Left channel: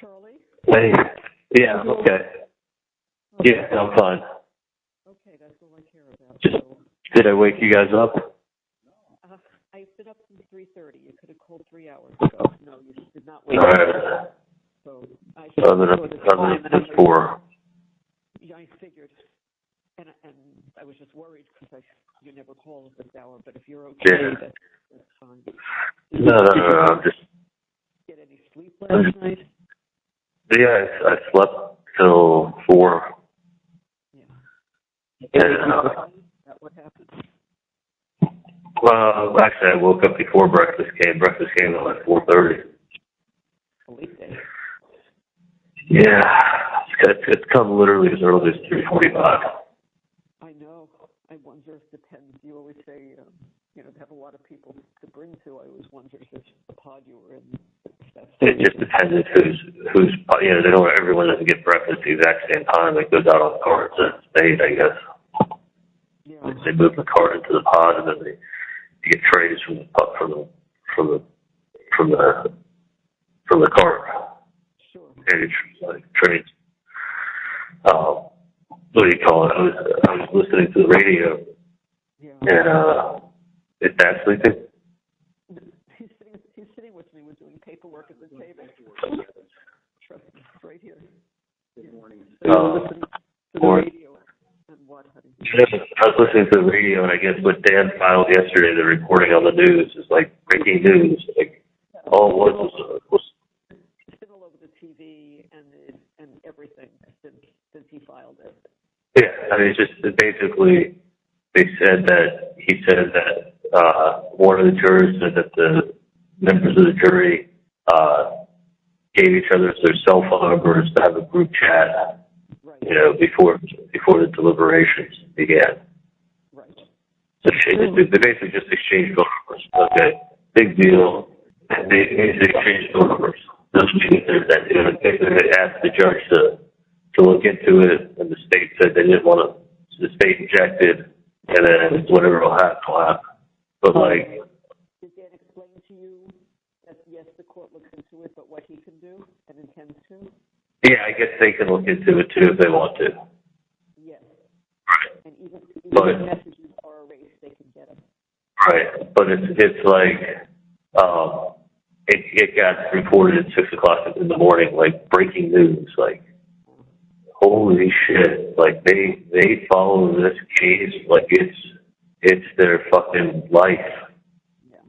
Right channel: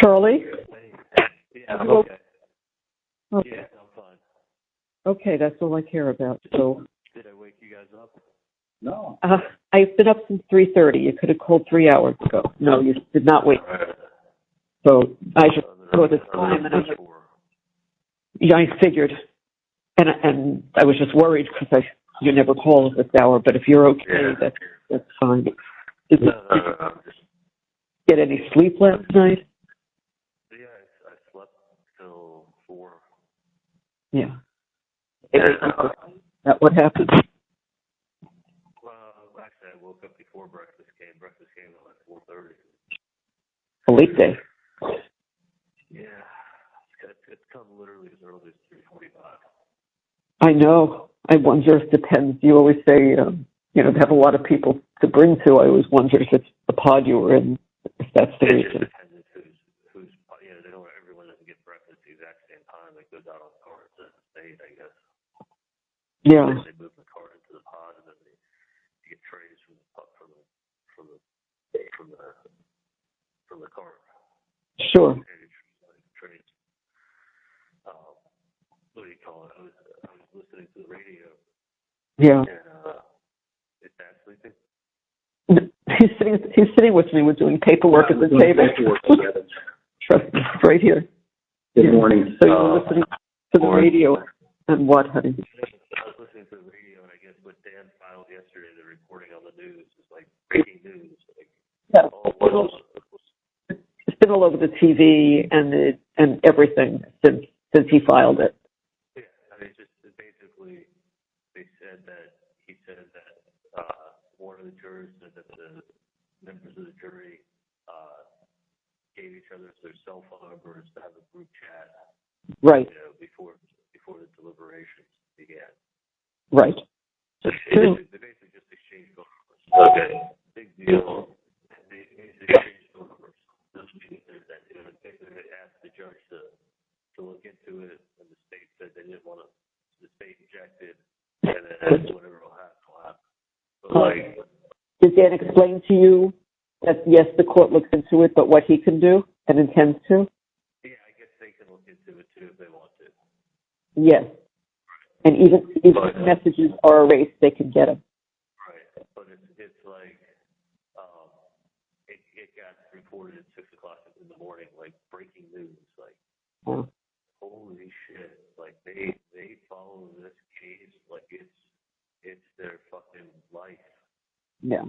Charlie? Hey. Yeah, I'm okay. Okay. Yeah, I'm fine. Okay, that's all I care about. So, Did I wake you guys up? No. I've been up since 3:30. You could have called 3 hours ago. No, you did not wake All up. right. So I just Other saw the time, than and four. yeah, I figured, and I was just worried because you never call at this hour. But if you're okay, Yeah. that's fine. No, Did you I'm just. get any sleep last night? Yeah, I slept till 4. Yeah. And, That what happened? well, actually, I woke up before breakfast came. Breakfast came at like 4:30. A late day. Yeah, it's come literally as early as 3:45. I know. I wonder if it depends. You always say, they have a lot of people to bring to. I always wondered if it's the pod you were in, if that's the It reason. just depends who's they don't, everyone doesn't get breakfast at the exact same time. It goes out on carts and it's made, I guess. Yeah. They move the cart into the pod and then you get trays from the cart. Sure. And like trays. What do you call it? I was listening to the radio. Yeah. And is Dad sleeping? He's sitting with me. We're doing paperwork at the table. Trust me, right here. Good morning. So you're listening to the radio and what, honey? I was listening to the radio, and I guess what Dan filed yesterday, the reporting on the news, is like breaking news. Like, all it was. It's been all over the TV and everything since he filed it. Yeah, I mean, it's just basically he said that one of the jurors said that the members of the jury gave each other their cell phone numbers to have a group chat. Right. Before the deliberations began. Right. So they basically just exchanged phone numbers. Okay, big deal. They exchanged phone numbers. Doesn't mean that they asked the judge to look into it, and the state said they didn't want to. The state objected, and then whatever will happen, will happen. But did Dan explain to you that yes, the court looks into it, but what he can do and intends to? Yeah, I guess they can look into it too if they want to. Yes. Right. And even if messages are erased, they can get them. Right, but it's like it got reported at 6:00 in the morning, like breaking news, like holy shit, like they follow this case like it's their fucking life. Yeah.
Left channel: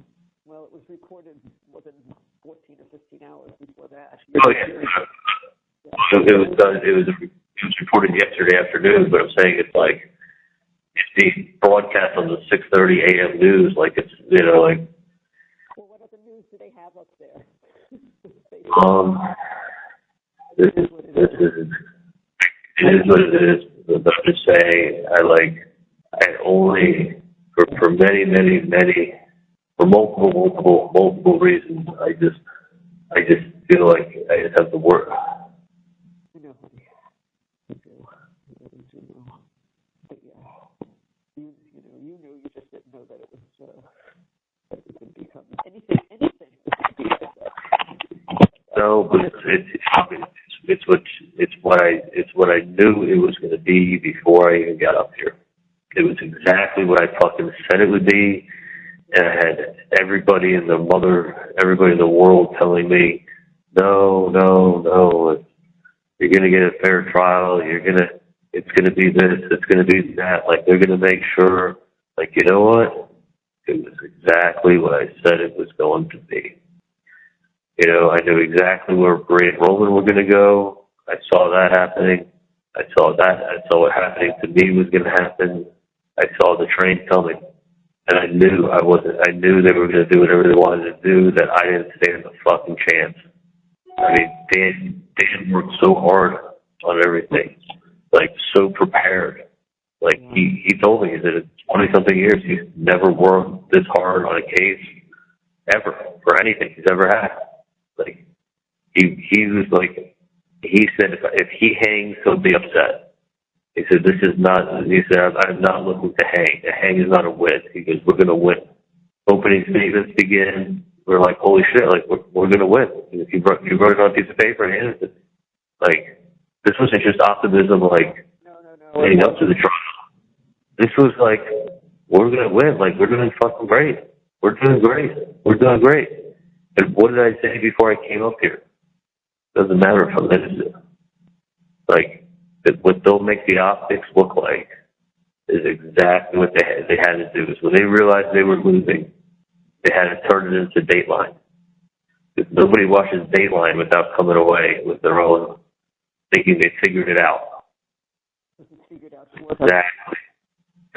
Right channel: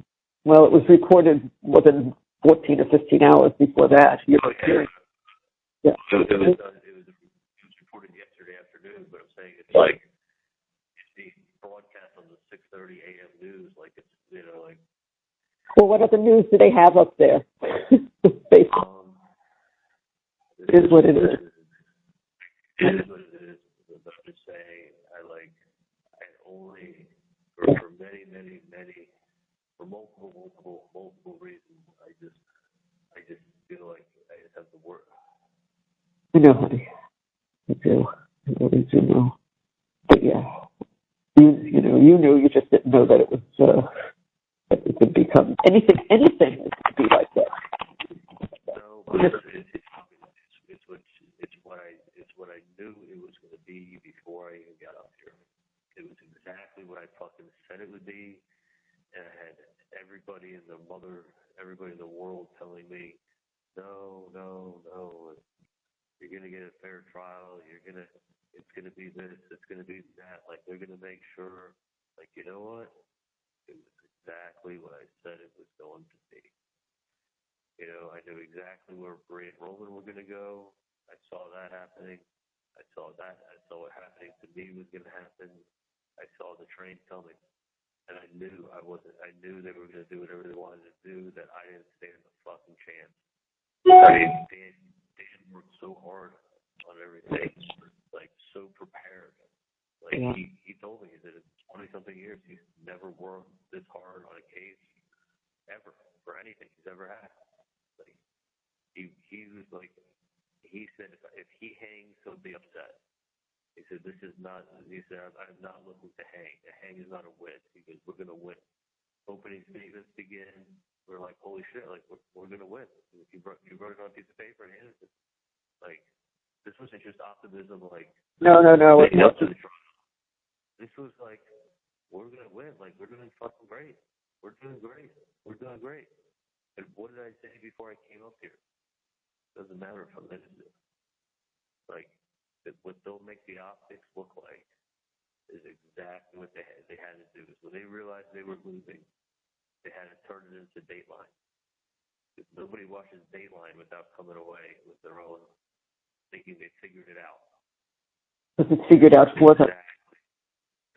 Well, it was reported within 14 or 15 hours before that. Yeah. Yeah. So it was reported yesterday afternoon, but I'm saying it's like if they broadcast on the 6:30 a.m. news, like it's like. Well, what other news do they have up there? It is what it is. It is what it is. But I'm just saying, I only for many for multiple reasons. I just feel like I just have to work. I know, honey. I do. I really do know. But yeah, you knew. You just didn't know that it was that it could become anything. Anything is to be like that. No, but it's what I knew it was going to be before I even got up here. It was exactly what I fucking said it would be, and I had everybody in the world telling me, no. You're going to get a fair trial. It's going to be this. It's going to be that. Like, they're going to make sure, like, you know what? It was exactly what I said it was going to be. I knew exactly where Bray and Roman were going to go. I saw that happening. I saw what happening to me was going to happen. I saw the train coming. And I knew they were going to do whatever they wanted to do, that I didn't stand a fucking chance. I mean, Dan worked so hard on everything, like so prepared. Like he told me that in 20-something years he's never worked this hard on a case ever for anything he's ever had. Like he was like, he said if he hangs, he'll be upset. He said I'm not looking to hang. A hang is not a win. He goes, we're going to win. Opening statements begin. we're like, holy shit, like we're gonna win. If you wrote it on a piece of paper and handed it, like this wasn't just optimism, like No. leading up to the trial. This was like, we're gonna win. Like we're doing fucking great. We're doing great. We're doing great. And what did I say before I came up here? Doesn't matter if I'm innocent. Like what they'll make the optics look like is exactly what they had to do. So when they realized they were losing, they had to turn it into Dateline. Because nobody watches Dateline without coming away with their own, thinking they figured it out. Was it figured out for them? Exactly.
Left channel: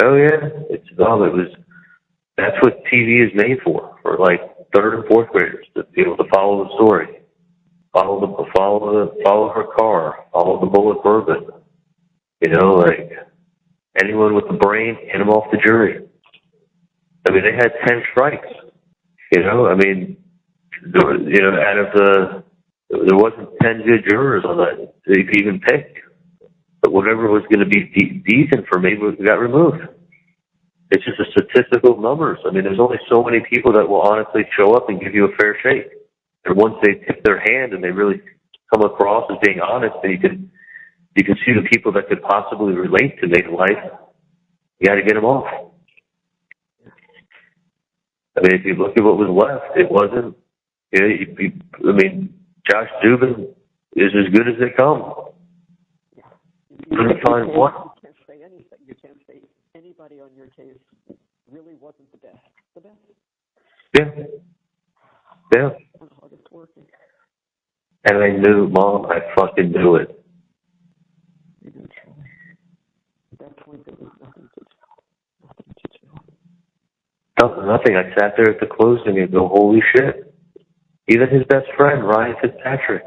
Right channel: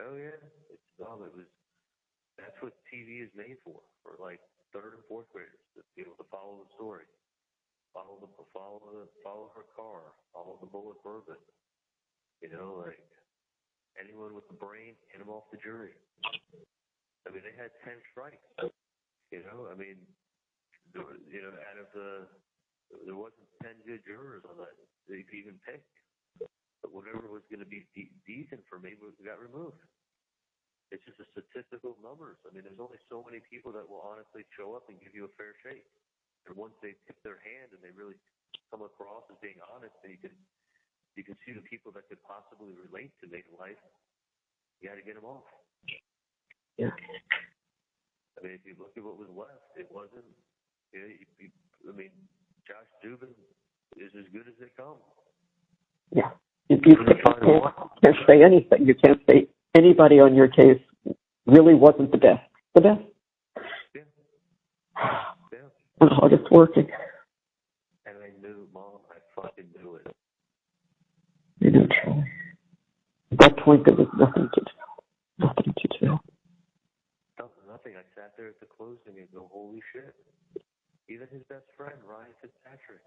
Oh yeah, that's what TV is made for like third and fourth graders, to be able to follow the story, follow her car, follow the bullet bourbon. You know, like anyone with a brain, get them off the jury. I mean, they had 10 strikes. You know, I mean, out of there wasn't 10 good jurors on that they could even pick. But whatever was going to be decent for me got removed. It's just a statistical numbers. I mean, there's only so many people that will honestly show up and give you a fair shake. And once they tip their hand and they really come across as being honest, then you can see the people that could possibly relate to make life. You got to get them off. Yeah. I mean, if you look at what was left, it wasn't. I mean, Josh Dubin is as good as they come. Yeah. If you can't say anything. You can't say anybody on your case really wasn't the best. The best. Yeah. Yeah. And hardest working. And I knew, Mom, I fucking knew it. You know, Charlie. At that point, there was nothing to do. Nothing to do. Nothing. I sat there at the closing and go, holy shit. Even his best friend, Ryan Fitzpatrick,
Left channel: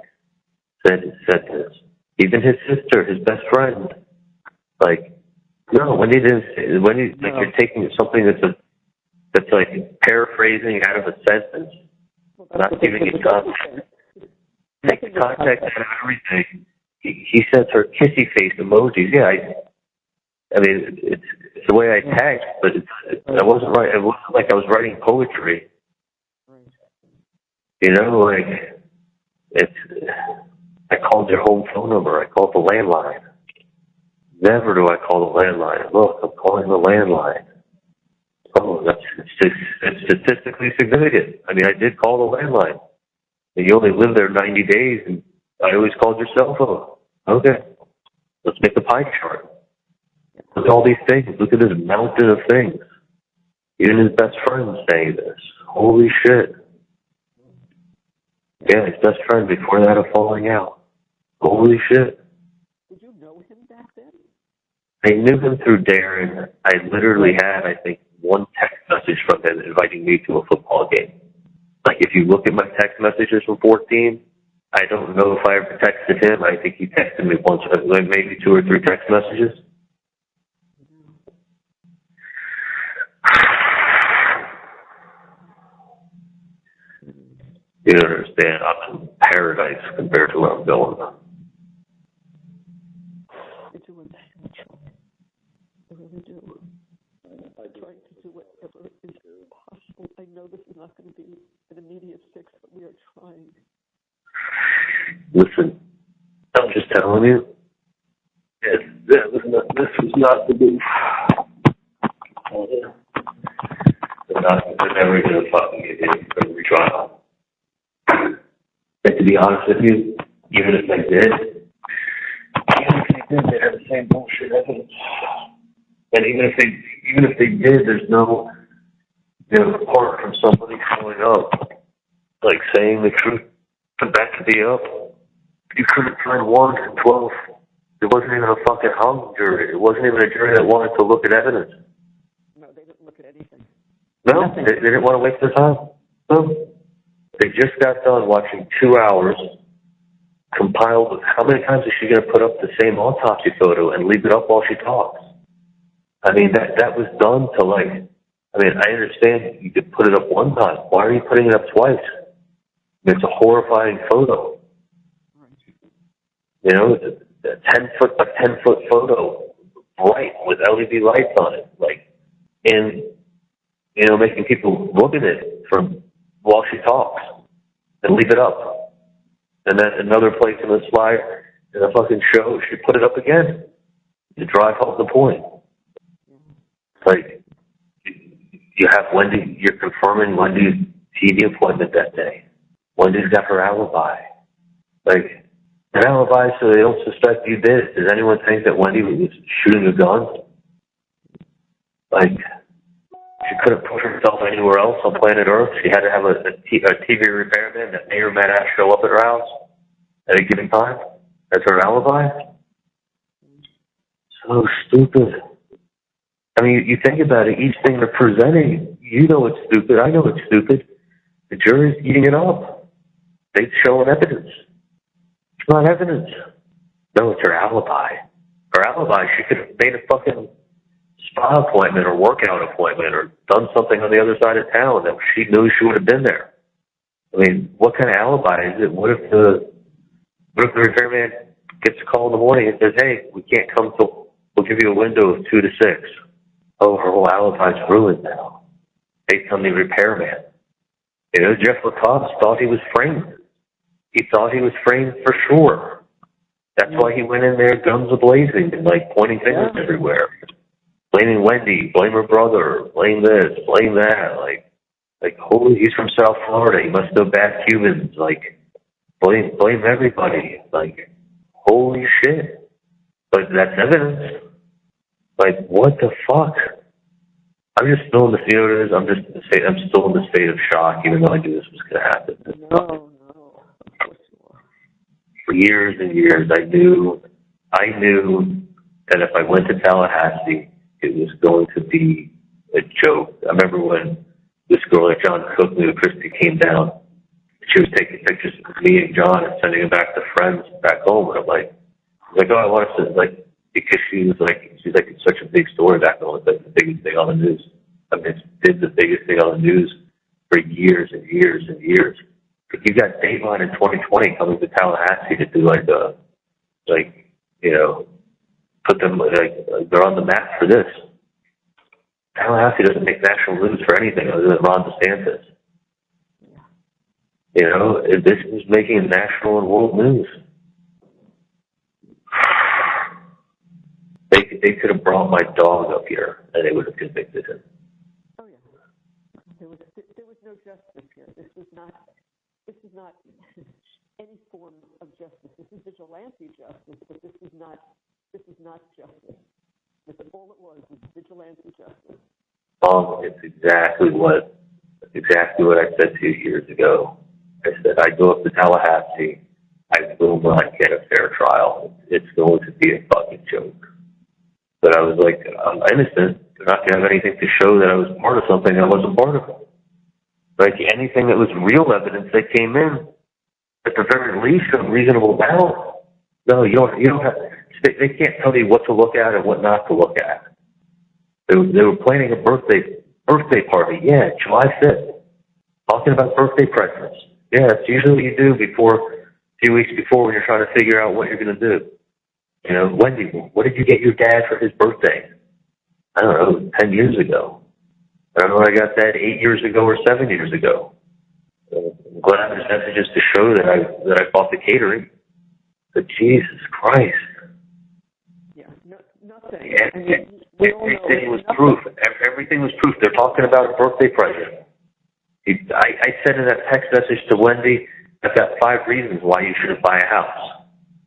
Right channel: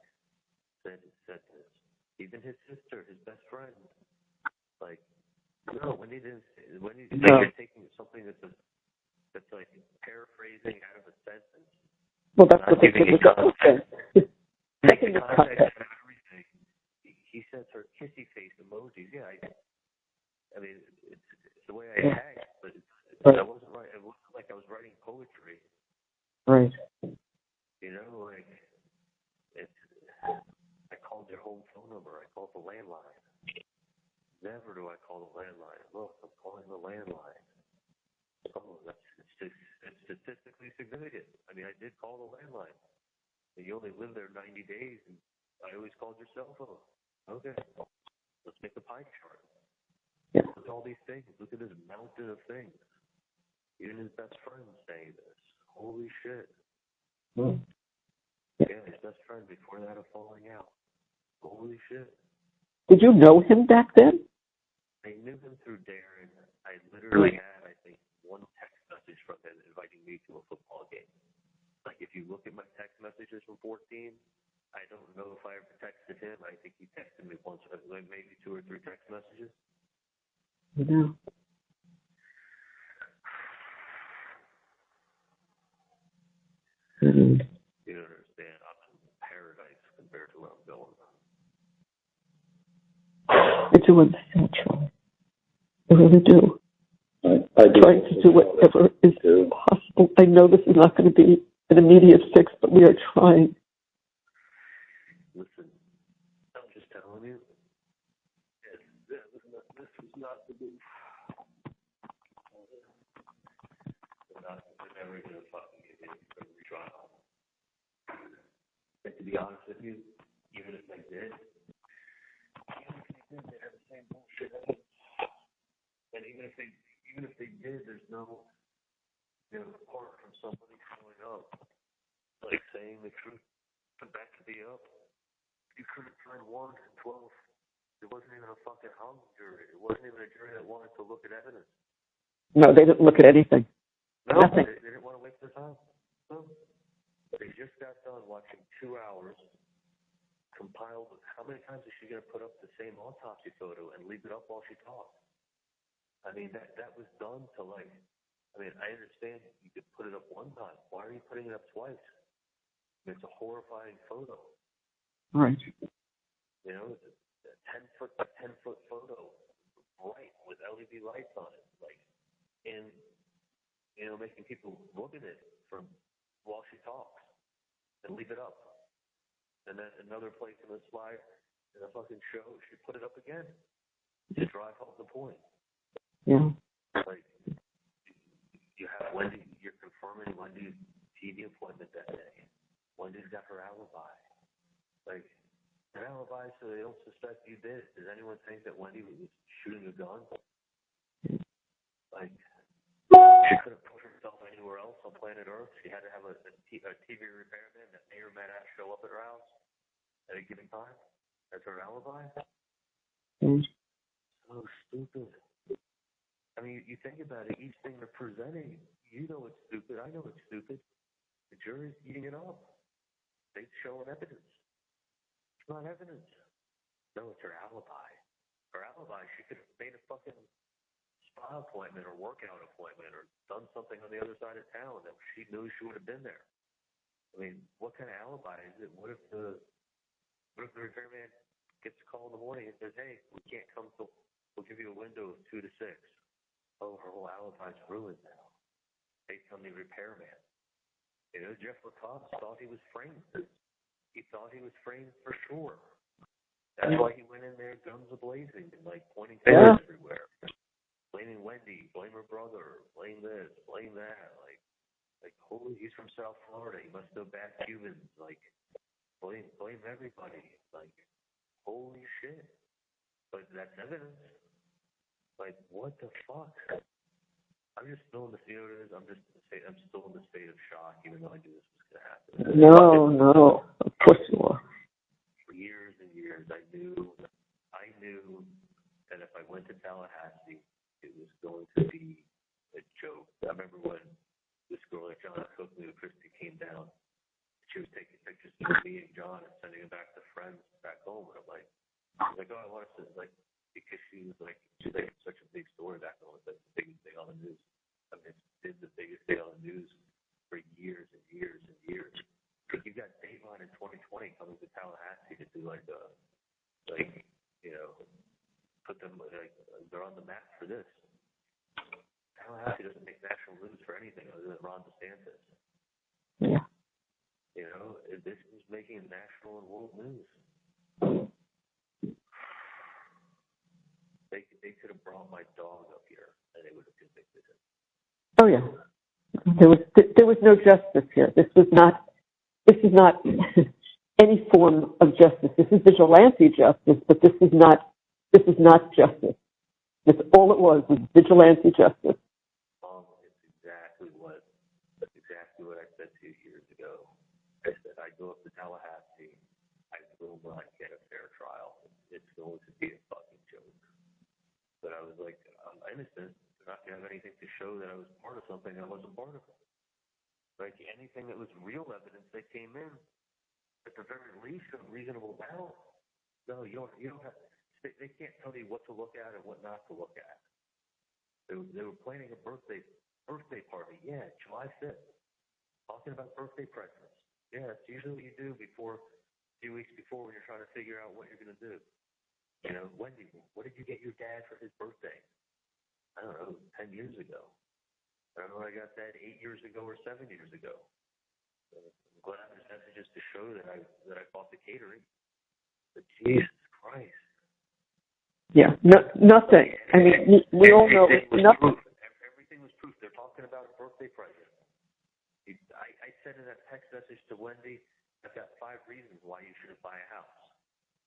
said this. Even his sister, his best friend. Like, no, when you're taking something that's like paraphrasing out of a sentence, well, that's not what they giving you context. Take the context out of everything. He sent her kissy face emojis. Yeah, I mean, it's the way I text, but I wasn't right. It wasn't like I was writing poetry. Right. You know, like I called your home phone number. I called the landline. Never do I call the landline. Look, I'm calling the landline. Oh, it's statistically significant. I mean, I did call the landline. And you only live there 90 days, and I always called your cell phone. Okay, let's make a pie chart. Yeah. Look at all these things. Look at this mountain of things. Even his best friend saying this. Holy shit. Yeah, his best friend before that of falling out. Holy shit. Did you know him back then? I knew him through Darren. I literally had, I think, one text message from him inviting me to a football game. Like, if you look at my text messages from 14, I don't know if I ever texted him. I think he texted me once, maybe 2 or 3 text messages. Yeah. You don't understand. I'm in paradise compared to where I'm going. I do understand, Charlie. I really do. I do. Trying to do whatever is possible. I know this is not going to be an immediate fix, but we are trying. Listen, I'm just telling you, this was not the move. They're never going to fucking get in for a retrial. But to be honest with you, even if they did, they'd have the same bullshit evidence. And even if they did, there's no, apart from somebody showing up, like saying the truth to back it up, you couldn't find 1 in 12. It wasn't even a fucking hung jury. It wasn't even a jury that wanted to look at evidence. No, they didn't look at anything. No, Nothing. they didn't want to waste their time. No. They just got done watching 2 hours compiled with how many times is she going to put up the same autopsy photo and leave it up while she talks? I mean, that was done to I understand you could put it up one time. Why are you putting it up twice? It's a horrifying photo. Right. It's a 10-foot by 10-foot photo, bright with LED lights on it, and making people look at it from while she talks and leave it up. And then another place in the slide, in the fucking show, she put it up again to drive home the point. Yeah. Like, you have Wendi, you're confirming Wendy's TV appointment that day. Wendy's got her alibi. Like, an alibi so they don't suspect you did it. Does anyone think that Wendi was shooting a gun? Like, she couldn't put herself anywhere else on planet Earth. She had to have a TV repairman that may or may not show up at her house at a given time. That's her alibi? So stupid. I mean, you think about it, each thing they're presenting, you know it's stupid, I know it's stupid. The jury's eating it up. They're showing evidence. It's not evidence. No, it's her alibi. Her alibi, she could have made a fucking spa appointment or workout appointment or done something on the other side of town that she knew she would have been there. I mean, what kind of alibi is it? What if the repairman gets a call in the morning and says, hey, we can't come till, we'll give you a window of 2 to 6. Oh, her whole alibi's ruined now. Based on the repairman. You know, Jeff LaCoste thought he was framed. He thought he was framed for sure. That's why he went in there guns a-blazing and, like, pointing fingers everywhere. Blaming Wendi, blame her brother, blame this, blame that. Like, holy, he's from South Florida. He must know bad Cubans. Like, blame everybody. Like, holy shit. But that's evidence. Like, what the fuck? I'm just still in the, you know what it is? I'm still in the state of shock, even though I knew this was going to happen. No, of course you are. For years and years, I knew that if I went to Tallahassee, it was going to be a joke. I remember when this girl that John Cook knew, Christy, came down. She was taking pictures of me and John and sending them back to friends back home. And I'm like, oh, I want to, like, because she's like, it's such a big story back home. It's like the biggest thing on the news. I mean, it's been the biggest thing on the news for years and years and years. Like, you got Dateline in 2020 coming to Tallahassee to do put them, they're on the map for this. Tallahassee doesn't make national news for anything other than Ron DeSantis. Yeah. You know, this is making national and world news. They could have brought my dog up here and they would have convicted him. Oh yeah. There was no justice here. This is not any form of justice. This is vigilante justice, but this is not justice. That's all it was vigilante justice. It's exactly what I said to you years ago. I said, I go up to Tallahassee, I will not get a fair trial. It's going to be a fucking joke. But I was like, I'm innocent. They're not going to have anything to show that I was part of something I wasn't part of. Like, anything that was real evidence that came in, at the very least, a reasonable doubt. No, you don't have, they can't tell you what to look at and what not to look at. They were planning a birthday party. Yeah, July 5th. Talking about birthday presents. Yeah, it's usually what you do a few weeks before when you're trying to figure out what you're going to do. You know, Wendi, what did you get your dad for his birthday? I don't know, 10 years ago. I don't know when I got that 8 years ago or 7 years ago. I'm glad there's messages to show that I bought the catering. But Jesus Christ. Yeah, nothing. I mean, we all know everything was nothing. proof. Everything was proof. They're talking about a birthday present. I said in that text message to Wendi, I've got 5 reasons why you shouldn't buy a house.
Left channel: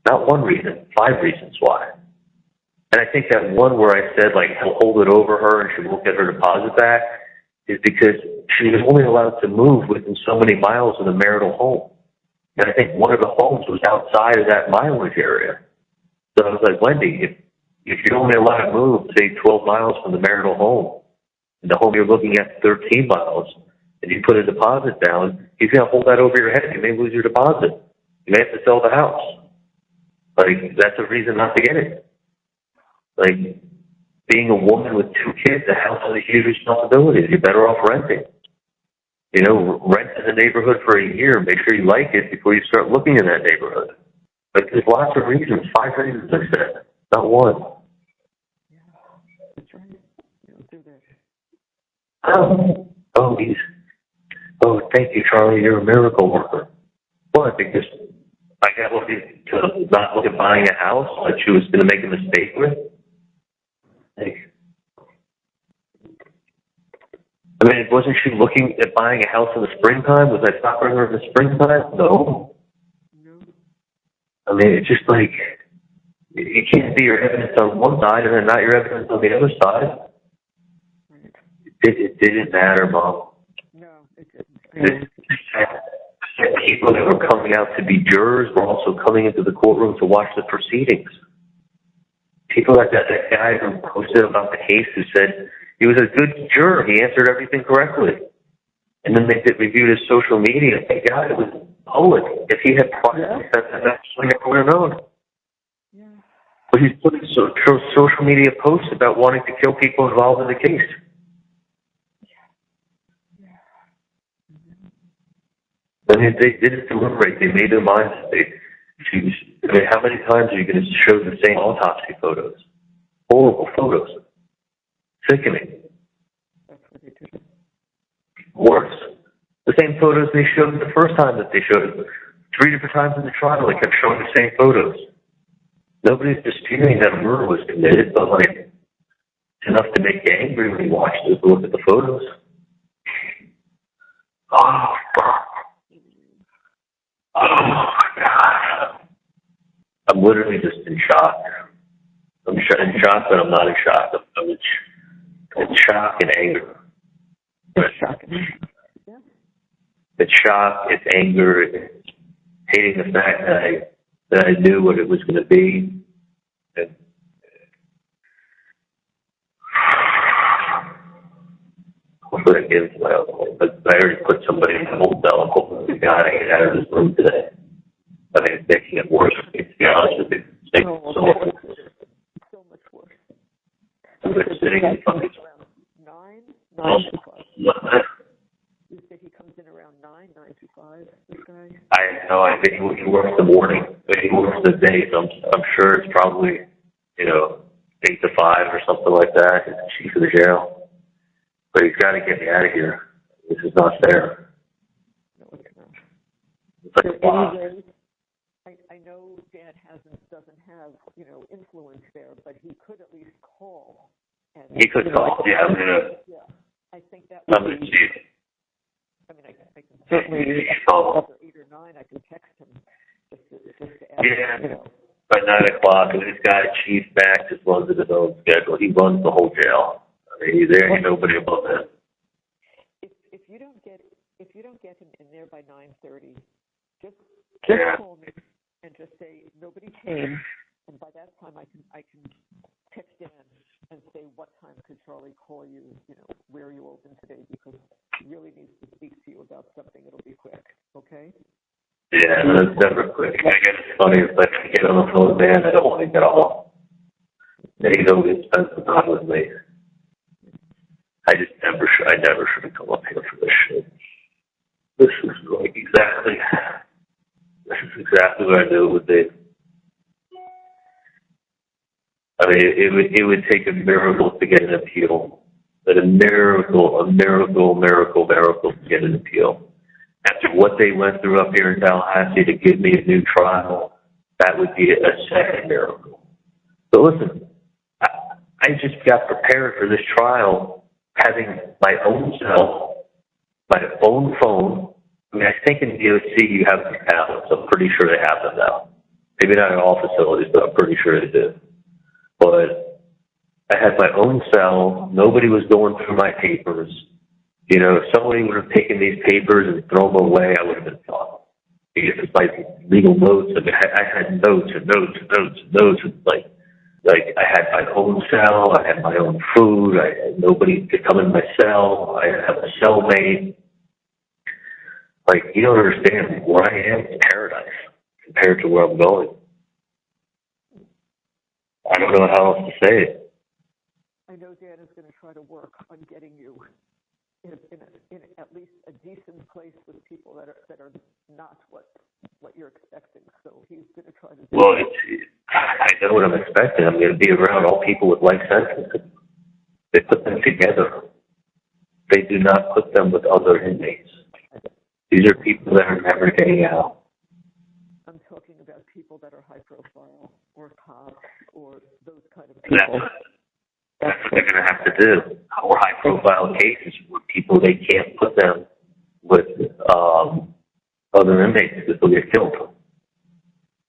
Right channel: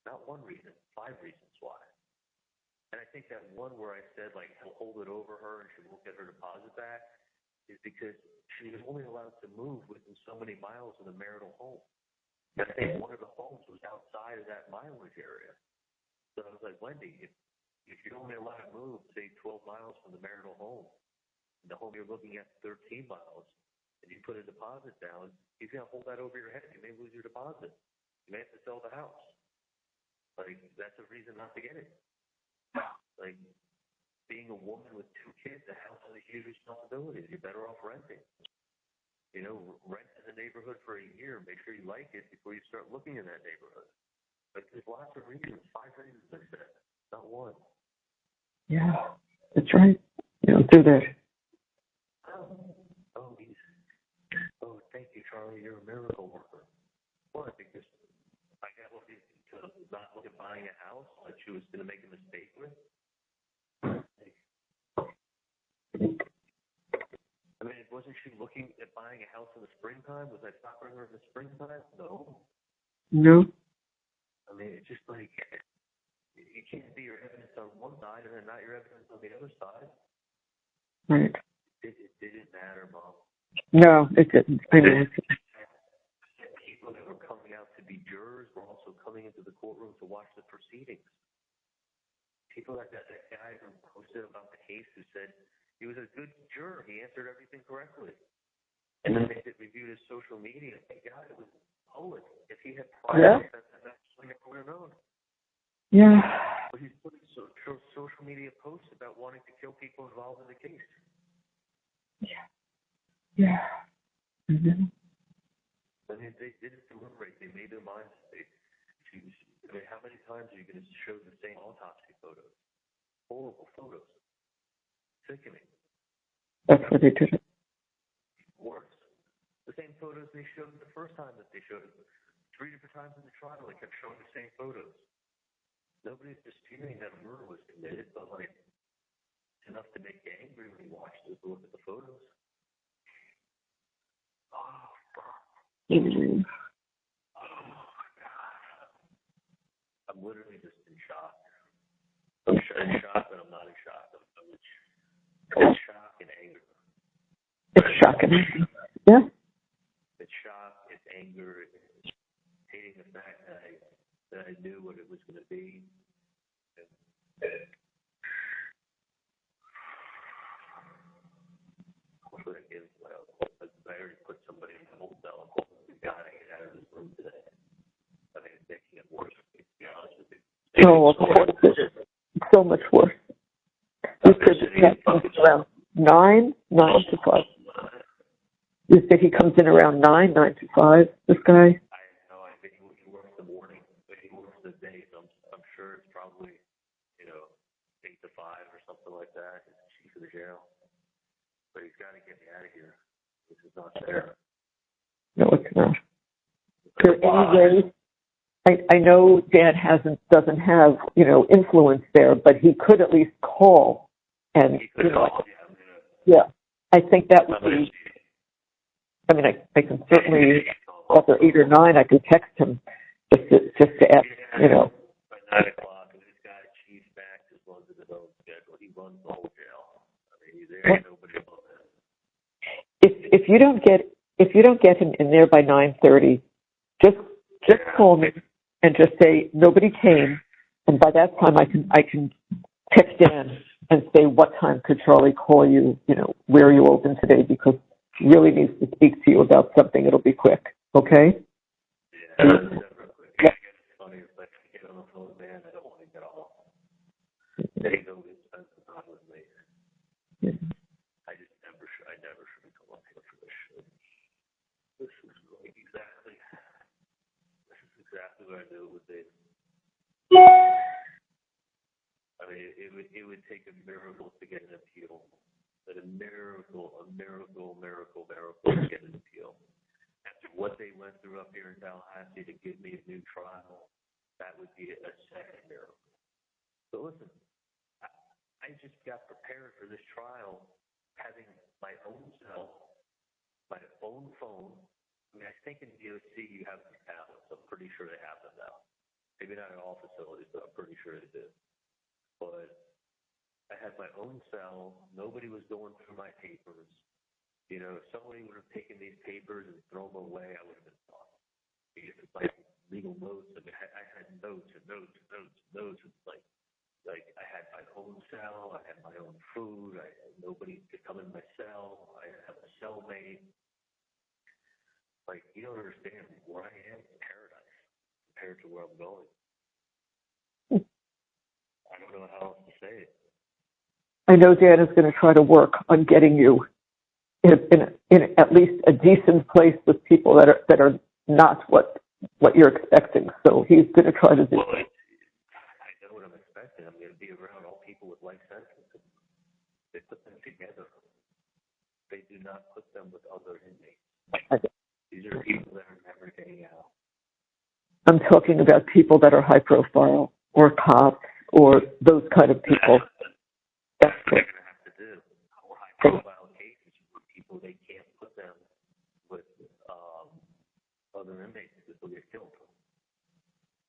Not 1 reason, 5 reasons why. And I think that one where I said, like, he'll hold it over her and she won't get her deposit back is because she was only allowed to move within so many miles of the marital home. And I think one of the homes was outside of that mileage area. So I was like, Wendi, if you're only allowed to move, say, 12 miles from the marital home, and the home you're looking at 13 miles, and you put a deposit down, he's going to hold that over your head. You may lose your deposit. You may have to sell the house. Like, that's a reason not to get it. Like, being a woman with 2 kids, the house is a huge responsibility. You're better off renting. You know, rent in the neighborhood for a year. Make sure you like it before you start looking in that neighborhood. Like, there's lots of reasons. 5 reasons, I said. Not 1. Yeah, that's right. You don't do that. Oh, Oh, thank you, Charlie. You're a miracle worker. What? Because I got lucky to not look at buying a house that she was going to make a mistake with? Like, I mean, wasn't she looking at buying a house in the springtime? Was I stopping her in the springtime? No. No. I mean, it's just like, you can't see your evidence on one side and then not your evidence on the other side. Right. It didn't matter, Mom. No, it didn't. I know. People that were coming out to be jurors were also coming into the courtroom to watch the proceedings. People like that guy who posted about the case who said he was a good juror. He answered everything correctly. And then they reviewed his social media. Thank God it was public. If he had prior, that's actually never would have known. Yeah. But he's putting social media posts about wanting to kill people involved in the case. Yeah. Mm-hmm. I mean, they didn't deliberate. They made their minds. I mean, how many times are you going to show the same autopsy photos? Horrible photos. Sickening. That's why they did it. Worse. The same photos they showed the first time that they showed it. 3 different times in the trial, they kept showing the same photos. Nobody's disputing that a murder was committed, but like, it's enough to make you angry when you watch this, look at the photos. Oh, fuck. Mm-hmm. Oh, God. I'm literally just in shock. I'm in shock, but I'm not in shock. I'm in shock and anger. It's shocking. Yeah. It's shock, it's anger, it's hating the fact that I knew what it was going to be. And, hopefully I get into my other home. But I already put somebody in the whole cell. I'm hoping to God I get out of this room today. I mean, it's making it worse, to be honest with you. Oh, of course. It's so much worse. You said this guy comes around 9 to 5. You said he comes in around 9 to 5, this guy? I know. I think he works the morning, but he works the day, so I'm sure it's probably, 8 to 5 or something like that. He's the chief of the jail. But he's got to get me out of here. This is not fair. No, it's not. It's like Is there any way? I know Dan doesn't have, influence there, but he could at least call. And he could call. Yeah, I think that would be. I mean, I can certainly after 8 or 9, I could text him just to ask. Yeah, by 9 o'clock, and this guy Chief Max just runs his own schedule. He runs the whole jail. I mean, there ain't nobody above him. If you don't get him in there by 9:30, just call me and just say nobody came, and by that time I can text Dan and say what time could Charlie call you? Where are you open today? Because he really needs to speak to you about something. It'll be quick, okay? Yeah, that's never quick. I guess it's funny if I get on the phone with Dan, I don't want to get off. And he's always spent some time with me. I never should have come up here for this shit. This is exactly what I knew it would be. I mean, it would take a miracle to get an appeal. But a miracle to get an appeal. After what they went through up here in Tallahassee to give me a new trial, that would be a second miracle. But listen, I just got prepared for this trial having my own cell, my own phone. I mean, I think in DOC you have tablets. I'm pretty sure they have them now. Maybe not in all facilities, but I'm pretty sure they do. But I had my own cell. Nobody was going through my papers. If somebody would have taken these papers and thrown them away, I would have been fine. Because it's like legal notes. I mean, I had notes and notes and notes and notes. Like I had my own cell, I had my own food, nobody could come in my cell, I have a cellmate. Like, you don't understand, where I am is paradise compared to where I'm going. I don't know how else to say it. I know Dan is going to try to work on getting you in at least a decent place with people that are not what you're expecting. So he's going to try to do that. I know what I'm expecting. I'm going to be around all people with life sentences. They put them together. They do not put them with other inmates. These are people that are never getting out. I'm talking about people that are high profile or cops or those kind of people. That's what they're going to have to do. Or high profile cases where people, they can't put them with other inmates because they'll get killed.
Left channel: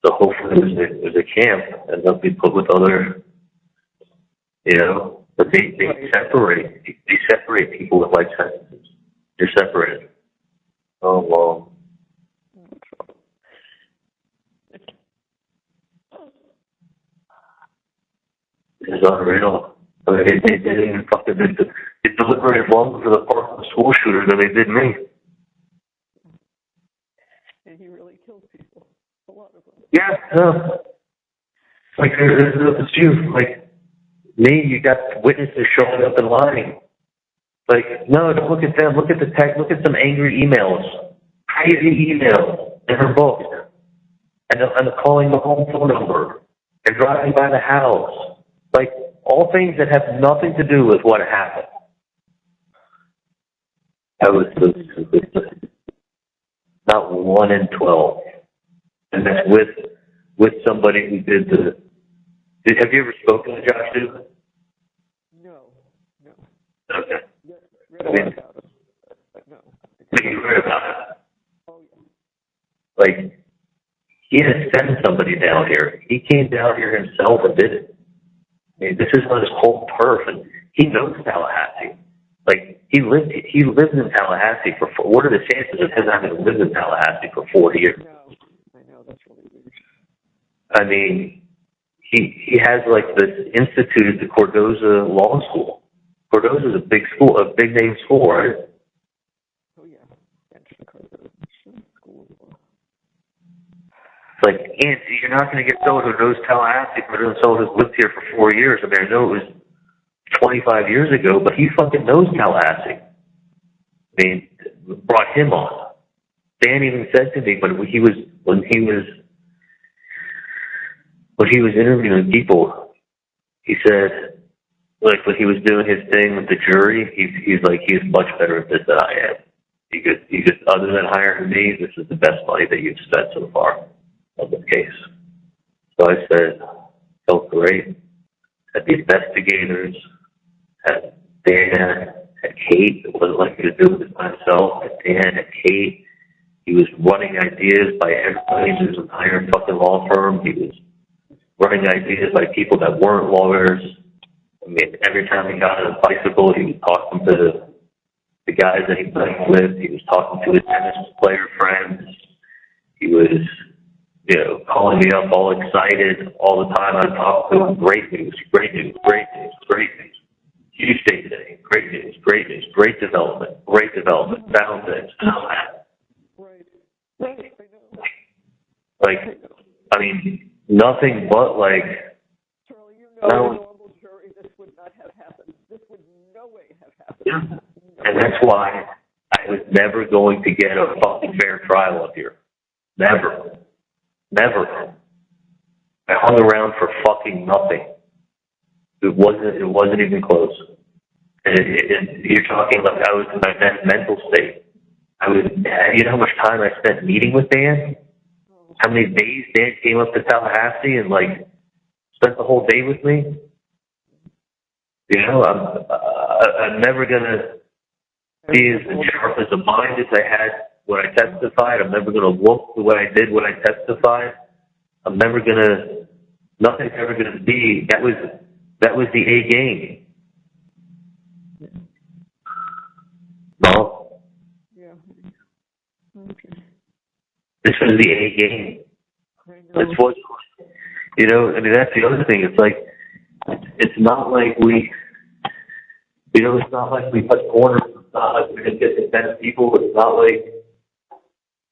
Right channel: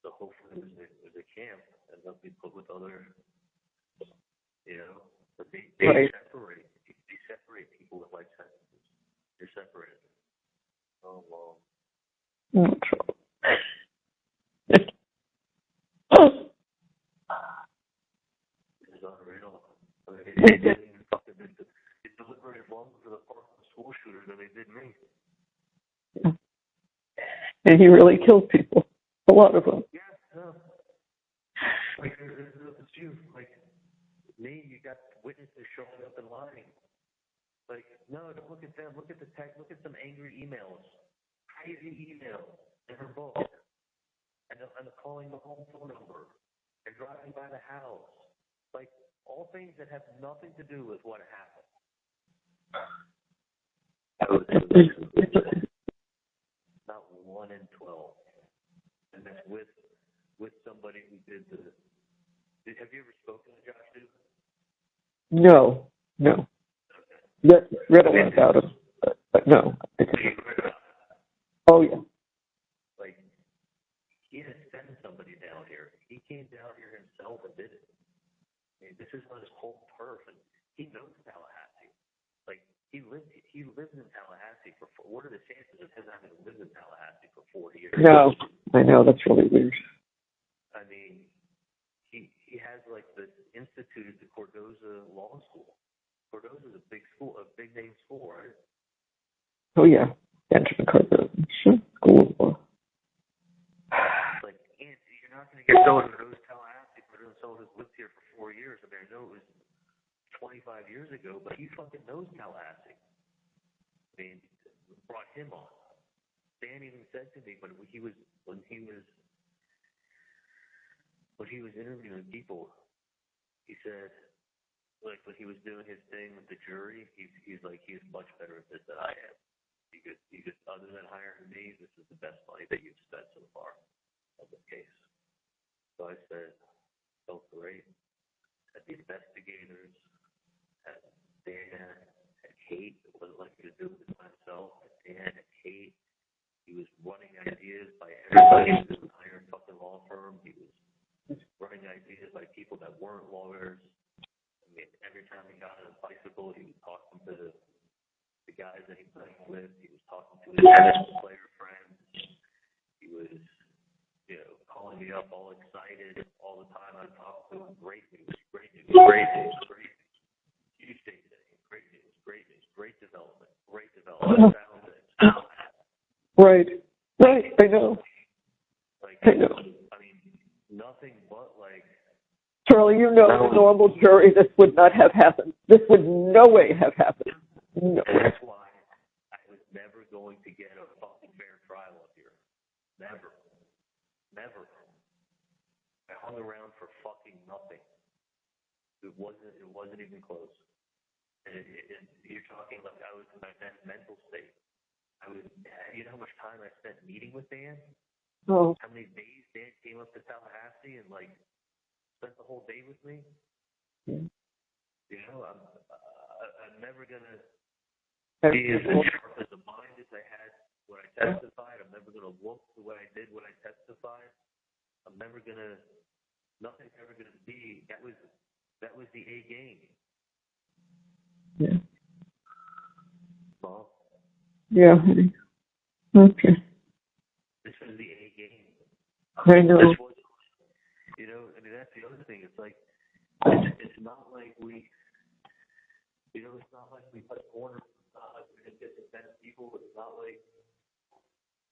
So hopefully there's a camp and they'll be put with other, but they separate people with life sentences. They're separated. Oh, well. It's unreal. I mean, they didn't even fucking they deliberated longer for the Parkland school shooter than they did me. And he really killed people. A lot of them. Yeah, no. Like, it's you. Like, me, you got witnesses showing up and lying. Like, no, don't look at them. Look at the text. Look at some angry emails. Crazy emails in her book. And calling the home phone number. And driving by the house. Like, all things that have nothing to do with what happened. I was so stupid. Not 1 in 12. And that's with somebody who did have you ever spoken to Josh Duke? No. Okay. Read a lot about him, but no. You read about it? Oh, yeah. Like, he had to send somebody down here. He came down here himself and did it. I mean, this is on his whole turf, and he knows Tallahassee. Like, he lives in Tallahassee what are the chances of him having lived in Tallahassee for 4 years? No, I know, that's really weird. I mean, he has, like, this institute at the Cardozo Law School. Cardozo's a big school, a big name school, right? Oh, yeah. Benjamin Cardozo. Sure. School of Law. Like, and you're not going to get someone who knows Tallahassee, but someone who's lived here for 4 years. I mean, I know it was 25 years ago, but he fucking knows Tallahassee. I mean, brought him on. Dan even said to me when he was interviewing people, he said, like, when he was doing his thing with the jury, he's like, he's much better at this than I am. He could, other than hiring me, this is the best money that you've spent so far on this case. So I said, felt great. Had the investigators, had Dan, had Kate. It wasn't like he was doing it by himself. Had Dan, had Kate. He was running ideas by everybody in his entire fucking law firm. He was running ideas by people that weren't lawyers. I mean, every time he got on a bicycle, he was talking to the guys that he played with. He was talking to his tennis player friends. He was, calling me up all excited all the time. I talked to him. Great news, great news, great news, great news. Huge day today. Great news, great news, great development, found this, found that. Right. I know. Like, I mean, nothing but, like... Charlie, in a normal jury, this would not have happened. This would no way have happened. Yeah. No. And that's why I was never going to get a fucking fair trial up here. Never. I hung around for fucking nothing. It wasn't even close. And you're talking like I was in my mental state. You know how much time I spent meeting with Dan? Oh. How many days Dan came up to Tallahassee and, like, spent the whole day with me? I'm never going to be as sharp as a mind as I had when I testified. I'm never going to look the way I did when I testified. Nothing's ever going to be. That was the A game. Yeah. No? Yeah. Okay. This was the A game. I know. This was, that's the other thing. It's like, it's not like we, it's not like we cut corners. It's not like we didn't get the 10 people. It's not like,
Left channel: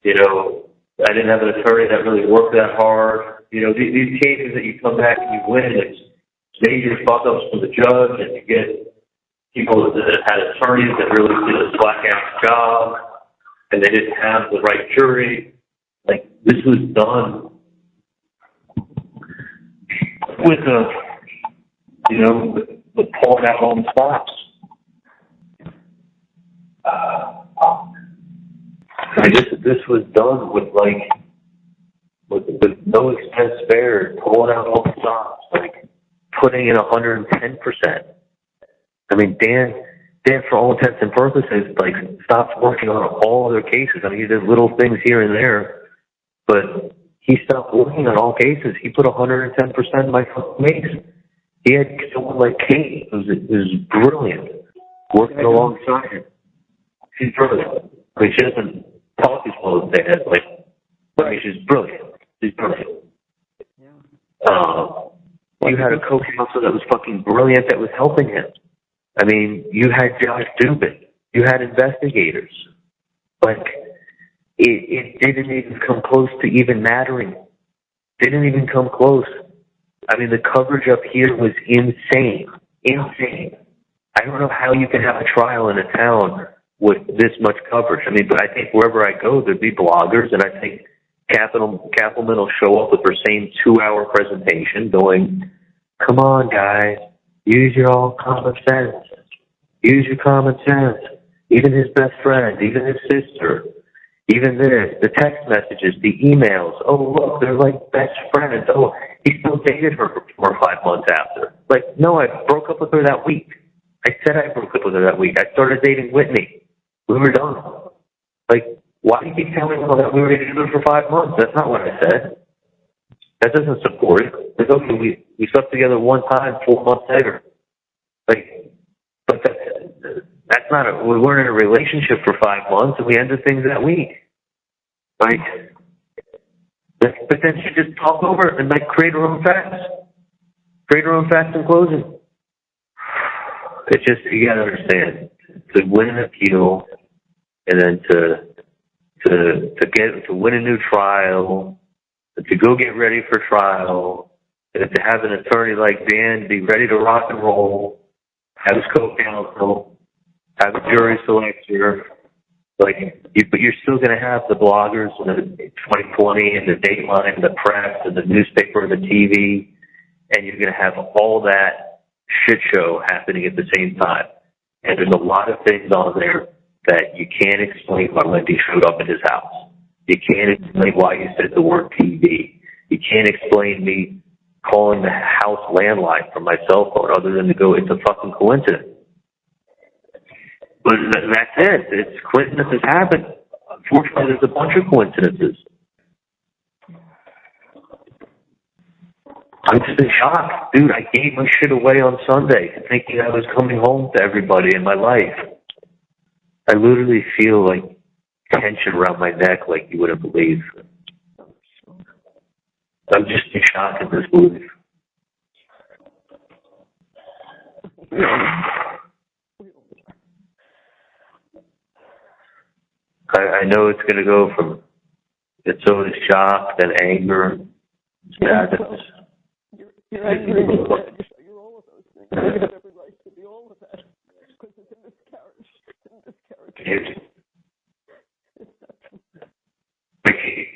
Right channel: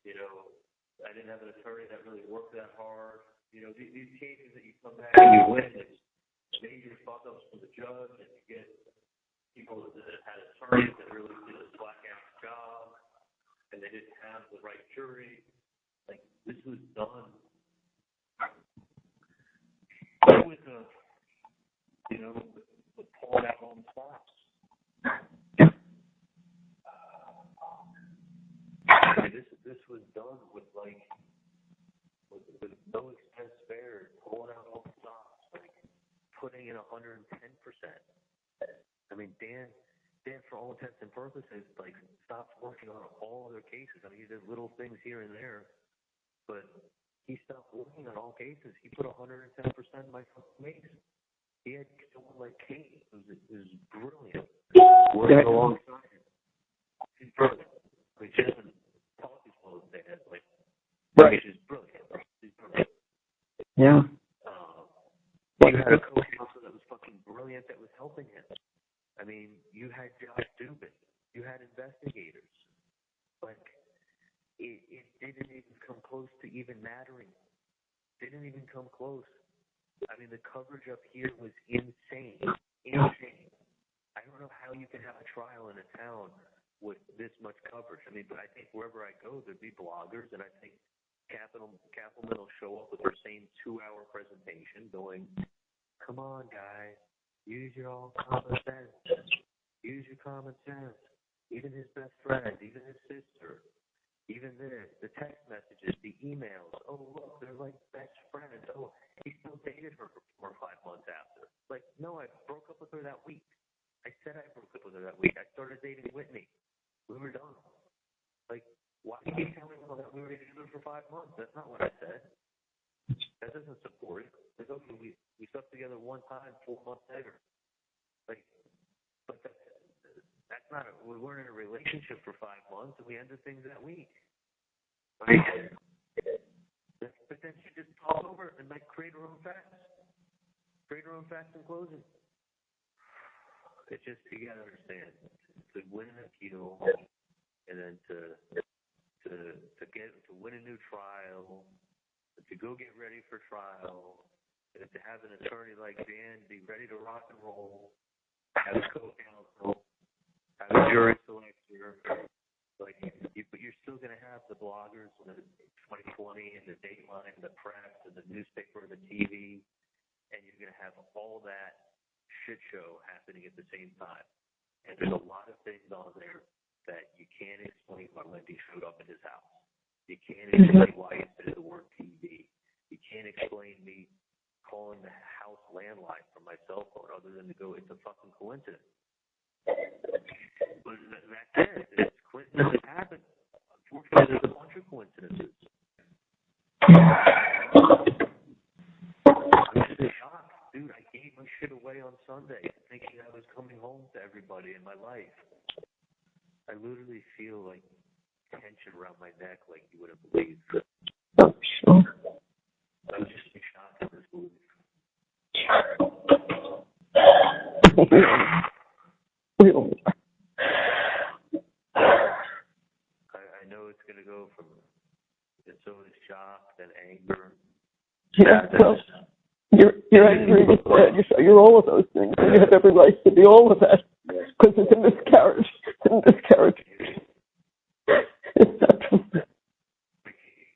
I didn't have an attorney that really worked that hard. These cases that you come back and you win, it's major fuck-ups from the judge, and you get people that had attorneys that really did a slack-ass job, and they didn't have the right jury. Like, this was done with with pulling out all the stops. this was done with no expense spared, pulling out all the stops, putting in 110%. I mean, Dan, for all intents and purposes, stopped working on all other cases. I mean, he did little things here and there, but he stopped working on all cases. He put 110% in my case. He had someone like Kate, who was brilliant, working alongside him. She's brilliant. I mean, she doesn't talk as well as Dan. I mean, she's brilliant. She's brilliant. Yeah. You had a co-counsel that was fucking brilliant that was helping him. I mean, you had Josh Dubin. You had investigators. It didn't even come close to even mattering. Didn't even come close. I mean, the coverage up here was insane. Insane. I don't know how you can have a trial in a town with this much coverage. I mean, but I think wherever I go, there'd be bloggers, and I think Kathleen will show up with her same 2-hour presentation going, come on, guys, use your all common sense. Use your common sense. Even his best friend, even his sister, even this, the text messages, the emails. Oh, look, they're like best friends. Oh, he still dated her for 4 or 5 months after. No, I broke up with her that week. I said I broke up with her that week. I started dating Whitney. We were done. Why do you keep telling me that we were together for 5 months? That's not what I said. That doesn't support it. Okay, we slept together one time 4 months later. But that's not we weren't in a relationship for 5 months, and we ended things that week. But then she just talked over it and create her own facts. Create her own facts in closing. It's just, you gotta understand, to win an appeal and then to win a new trial, to go get ready for trial, and to have an attorney like Dan be ready to rock and roll, have his co-counsel, have a jury selector, but you're still going to have the bloggers and the 2020 and the Dateline and the press and the newspaper and the TV, and you're going to have all that shit show happening at the same time. And there's a lot of things on there that you can't explain why Wendi showed up at his house. You can't explain why you said the word TV. You can't explain me calling the house landline from my cell phone other than to go, it's a fucking coincidence. But that's it. It's coincidences happen. Unfortunately, there's a bunch of coincidences. I'm just in shock. Dude, I gave my shit away on Sunday thinking I was coming home to everybody in my life. I literally feel tension around my neck like you wouldn't believe. Oh, sure. I'm just in shock at this move. I know it's going to go from it's always shock, then anger, sadness. Well, you're angry, you're sad, you're all of those things, and you have every right to be all of that, because it's a miscarriage. It's a miscarriage. It's not true.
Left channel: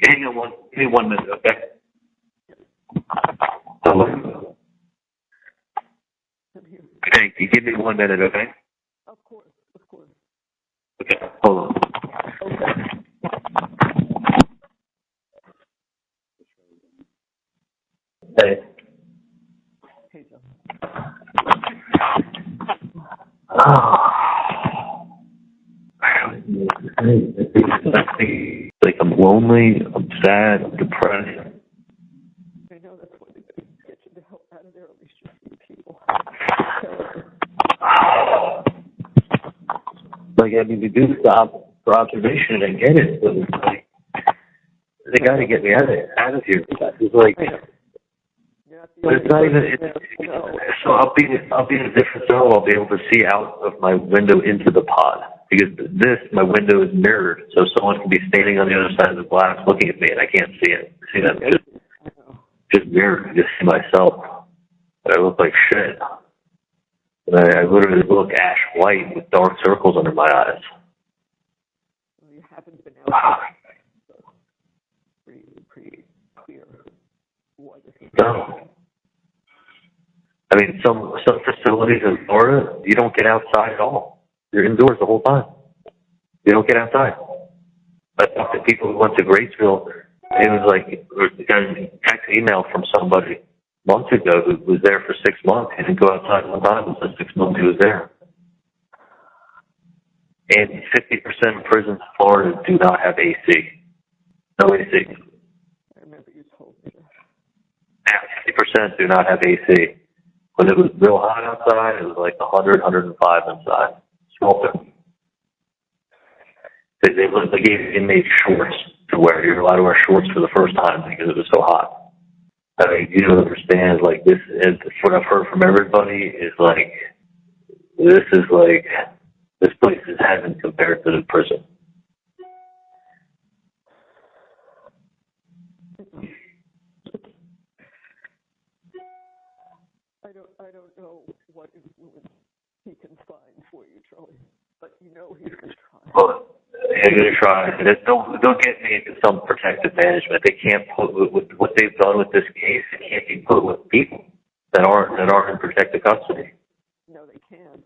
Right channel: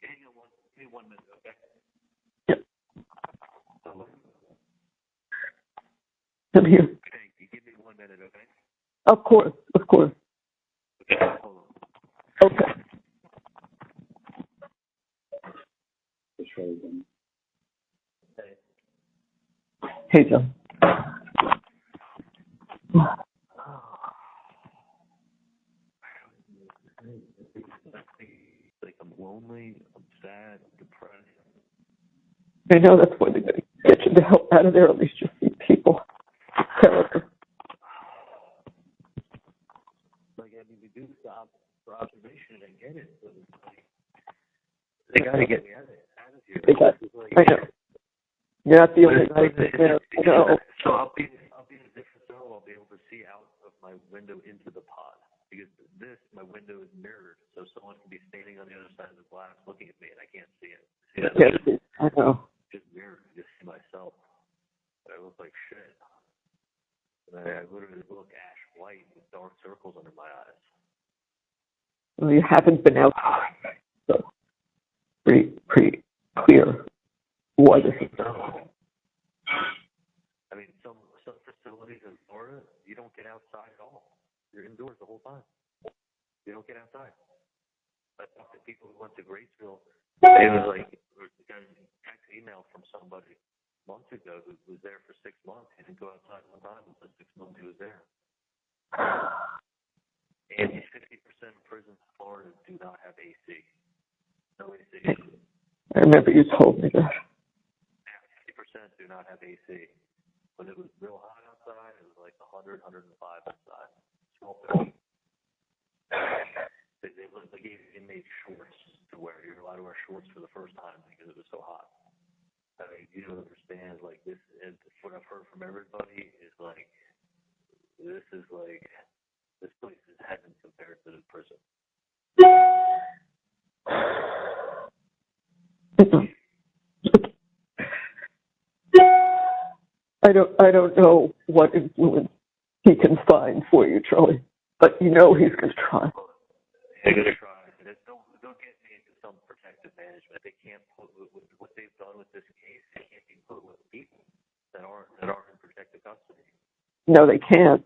Hang on give me 1 minute, okay? Yeah. Hello? I'm here. Okay, you give me 1 minute, okay? Of course. Okay, hold on. Okay. Hey. Hey, John. I'm lonely, I'm sad, I'm depressed. I know that's why they get you the hell out of there. At least you see people. Terrible. To do the job for observation, I get it, but it's they got to get me out of here. It's I know. You're not the only person there. So I'll be in a different zone. I'll be able to see out of my window into the pod. Because my window is mirrored, so someone can be standing on the other side of the glass looking at me, and I can't see it. See that? I know. Just mirrored. I just see myself. But I look like shit. And I literally look ash white with dark circles under my eyes. Well, you haven't been out there, so pretty clear why this is done. I mean, some facilities in Florida, you don't get outside at all. You're indoors the whole time. You don't get outside. I talked to people who went to Graceville. It was like, I got a text email from somebody months ago who was there for 6 months. He didn't go outside one time. It was 6 months he was there. And 50% of prisons in Florida do not have AC. No AC. I remember you told me that. Yeah, 50% do not have AC. When it was real hot outside, it was like 100, 105 inside. Sweltering. They made shorts to wear. You're allowed to wear shorts for the first time because it was so hot. I mean, you don't understand. Like this, and what I've heard from everybody is like, this place is heaven compared to the prison. I don't know what influence he can find for you, Charlie, but you know he's going to try. Well, they're going to try. Don't get me into some protective management. They can't put with what they've done with this case. It can't be put with people that aren't in protective custody. No, they can't.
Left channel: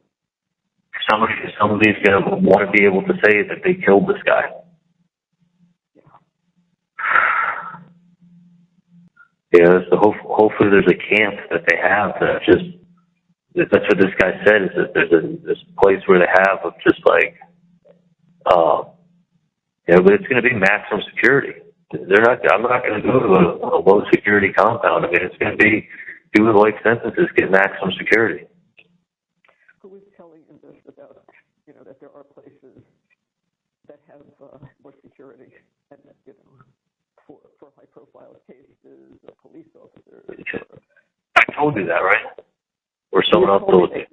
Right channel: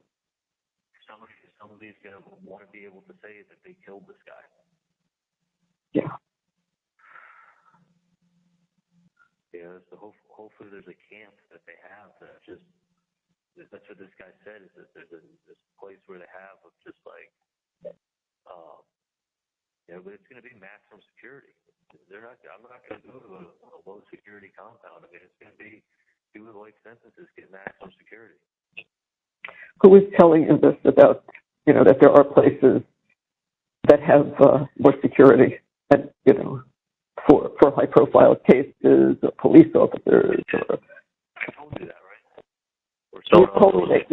Somebody's going to want to be able to say that they killed this guy. Yeah. Yeah, so hopefully there's a camp that they have that's what this guy said, is that there's this place where they have of just like, but it's going to be maximum security. I'm not going to go to a low security compound. I mean, it's going to be doing life sentences, get maximum security. Who was telling you this about, that there are places that have more security and, for high-profile cases, or police officers? Or, I told you that, right? Or someone else told me.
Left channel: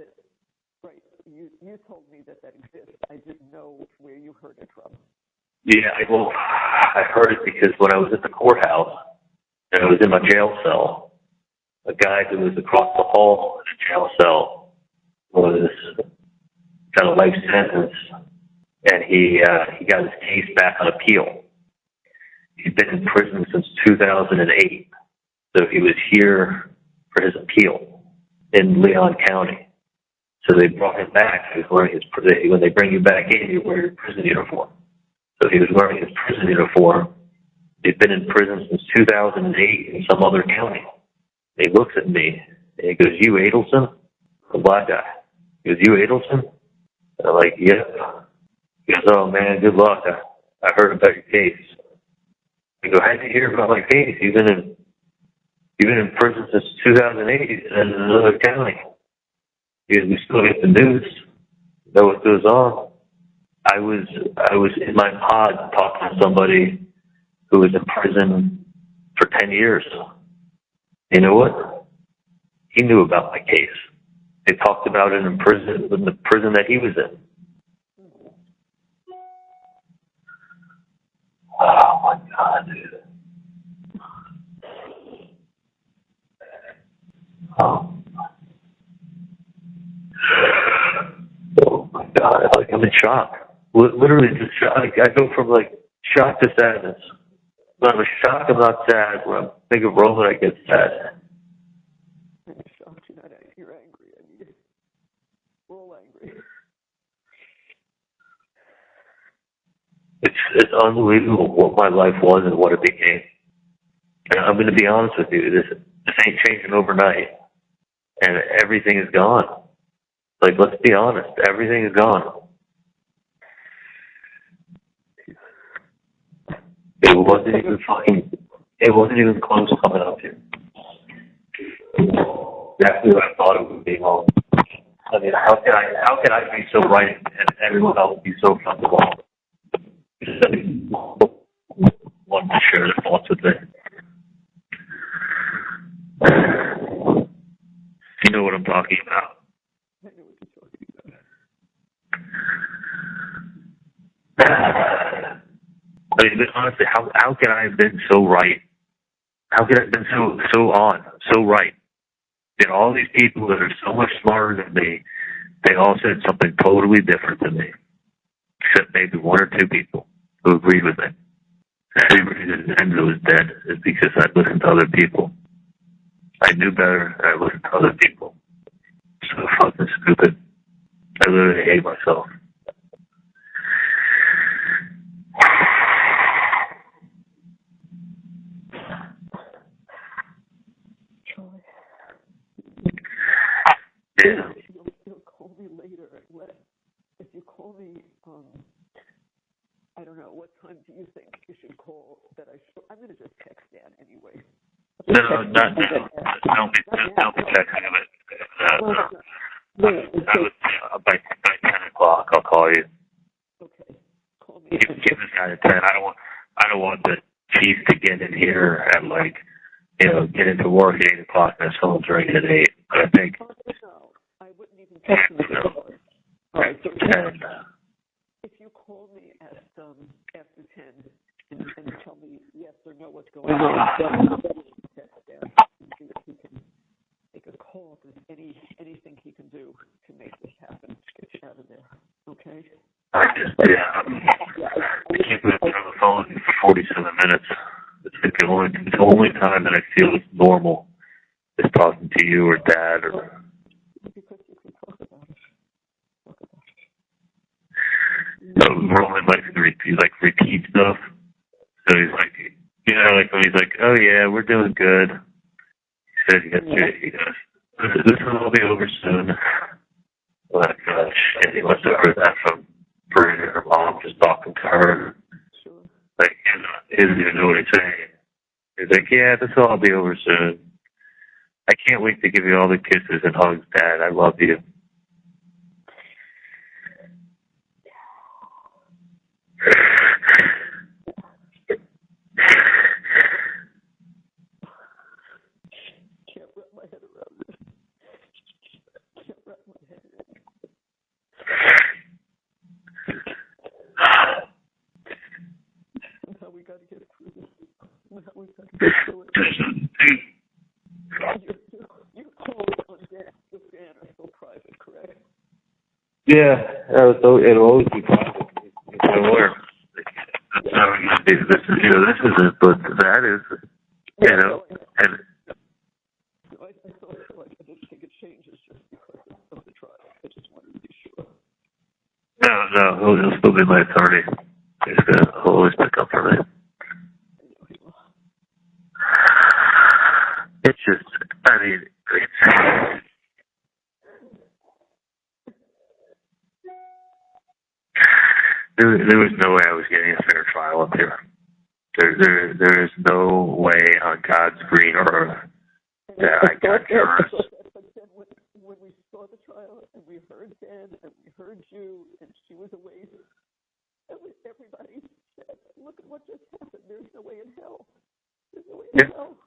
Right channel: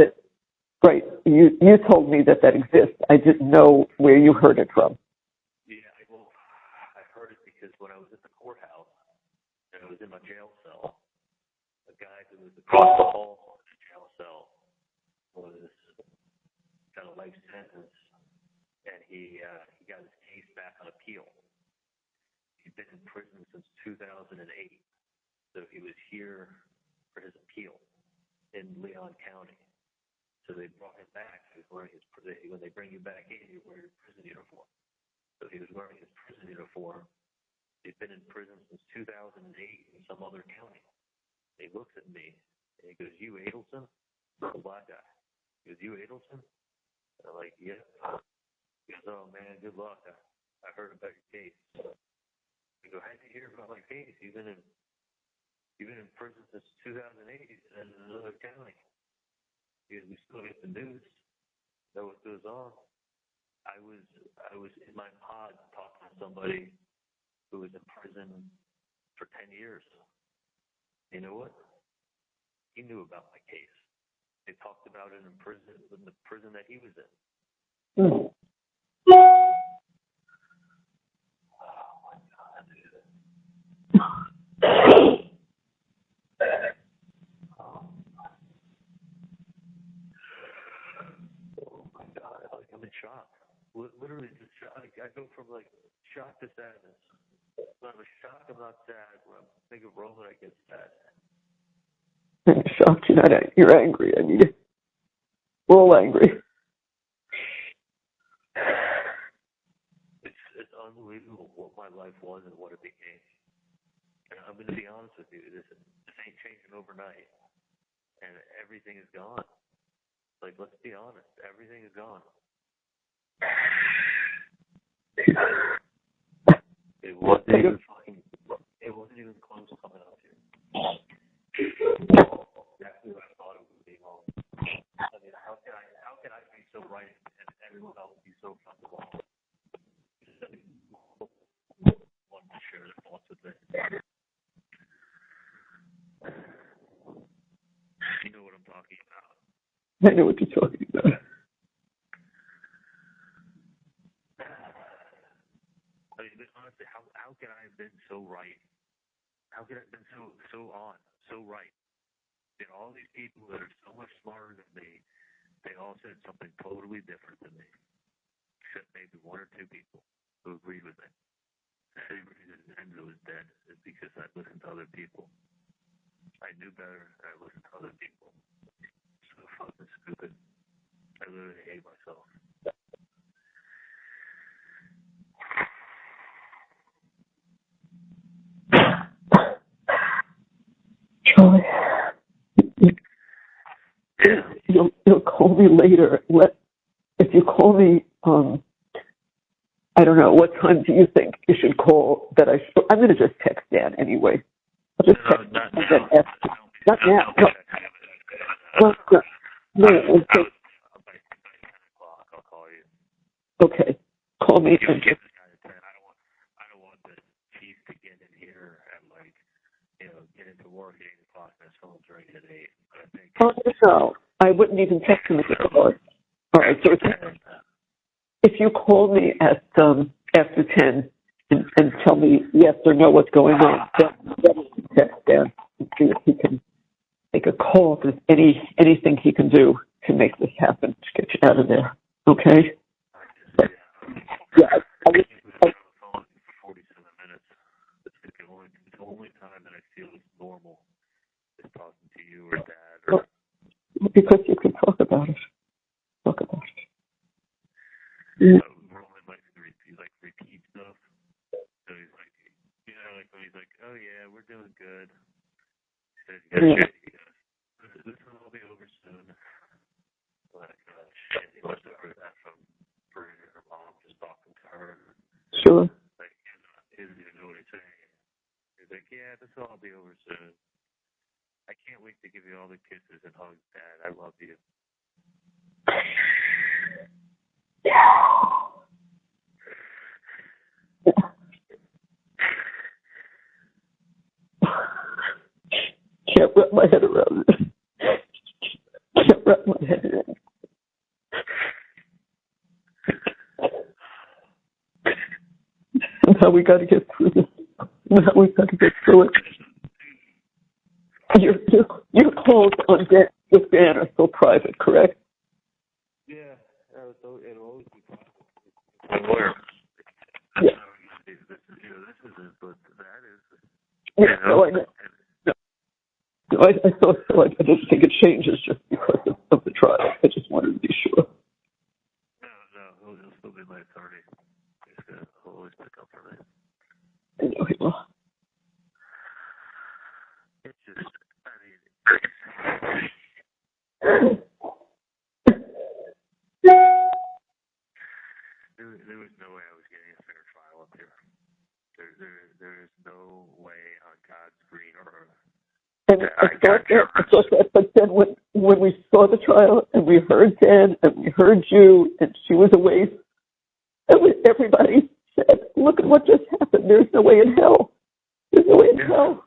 Right. You told me that exists. I didn't know where you heard it from. Yeah, I heard it because when I was at the courthouse and I was in my jail cell, a guy who was across the hall in a jail cell got a life sentence, and he got his case back on appeal. He'd been in prison since 2008, so he was here for his appeal in Leon County. So they brought him back. He was wearing when they bring you back in, you wear your prison uniform. So he was wearing his prison uniform. He'd been in prison since 2008 in some other county. He looks at me and he goes, "You Adelson?" The black guy. He goes, "You Adelson?" And I'm like, "Yep." He goes, "Oh man, good luck. I heard about your case." I go, "How'd you hear about my case? You've been in prison since 2008 in another county." He goes, "We still get the news. Know what goes on." I was in my pod talking to somebody who was in prison for 10 years. You know what? He knew about my case. They talked about it in the prison that he was in. Oh my God, dude. Oh my God, I'm in shock. Literally just shock. I go from shock to sadness. When I'm shocked, I'm not sad. When I think of Roman, I get sad. I'm shocked you're angry. I mean, we're all angry. It's unbelievable what my life was and what it became. And I'm going to be honest with you. This ain't changing overnight. And everything is gone. Let's be honest. Everything is gone. It wasn't even close to coming up here. Exactly what I thought it would be. I mean, how can I be so right and everyone else be so fucking wrong? Want to share their thoughts with me. You know what I'm talking about. I know what you're talking about. I mean, honestly, how can I have been so right? How could I have been so right? And all these people that are so much smarter than me, they all said something totally different than me. Except maybe one or two people who agreed with me. The reason Enzo was dead is because I listened to other people. I knew better, and I listened to other people. So fucking stupid. I literally hate myself. Charlie, Yeah. you'll call me later. If you call me, I don't know, what time do you think you should call that I'm going to just text Dan anyway. No, not now. Don't be texting him. By 10 o'clock, I'll call you. Okay. Call me. Give this guy a 10. I don't want the chief to get in here at get into work at 8 o'clock and his phone's ringing at 8. But I think. Oh, no. I wouldn't even text him at the door. All right. So if you call me at after 10 and tell me yes or no what's going on, then I'll text Dan and see if he can make a call. If there's anything he can do to make this happen, to get you out of there. Okay? I can't put it on the phone for 47 minutes. It's the only time that I feel it's normal is talking to you or Dad or. Because you can talk about it. Talk about it. So Roman likes to repeat stuff. So he's like, when he's like, oh yeah, we're doing good. He said yesterday, he goes, this will all be over soon. Like, shit, he must have heard that from her mom just talking to her. Sure. Like, he doesn't even know what he's saying. He's like, yeah, this will all be over soon. I can't wait to give you all the kisses and hugs, Dad. I love you. Can't wrap my head around it. Can't wrap my head around it. Somehow we got to get through this. Somehow we got to get through it. Your calls on with Dan are still private, correct? Yeah, it'll always be private. It's my lawyer. That's how we're going to do this. This isn't, but that is. Yeah, no, I know. I thought so. I didn't think it changes just because of the trial. I just wanted to be sure. No, he'll still be my attorney. He'll always pick up for me. I know he will. It's just, there was no way I was getting a fair trial up here. There is no way on God's green earth that I got justice. But then when we saw the trial and we heard Dan and we heard you and she was away, everybody said, look at what just happened. There's no way in hell. There's no way in hell.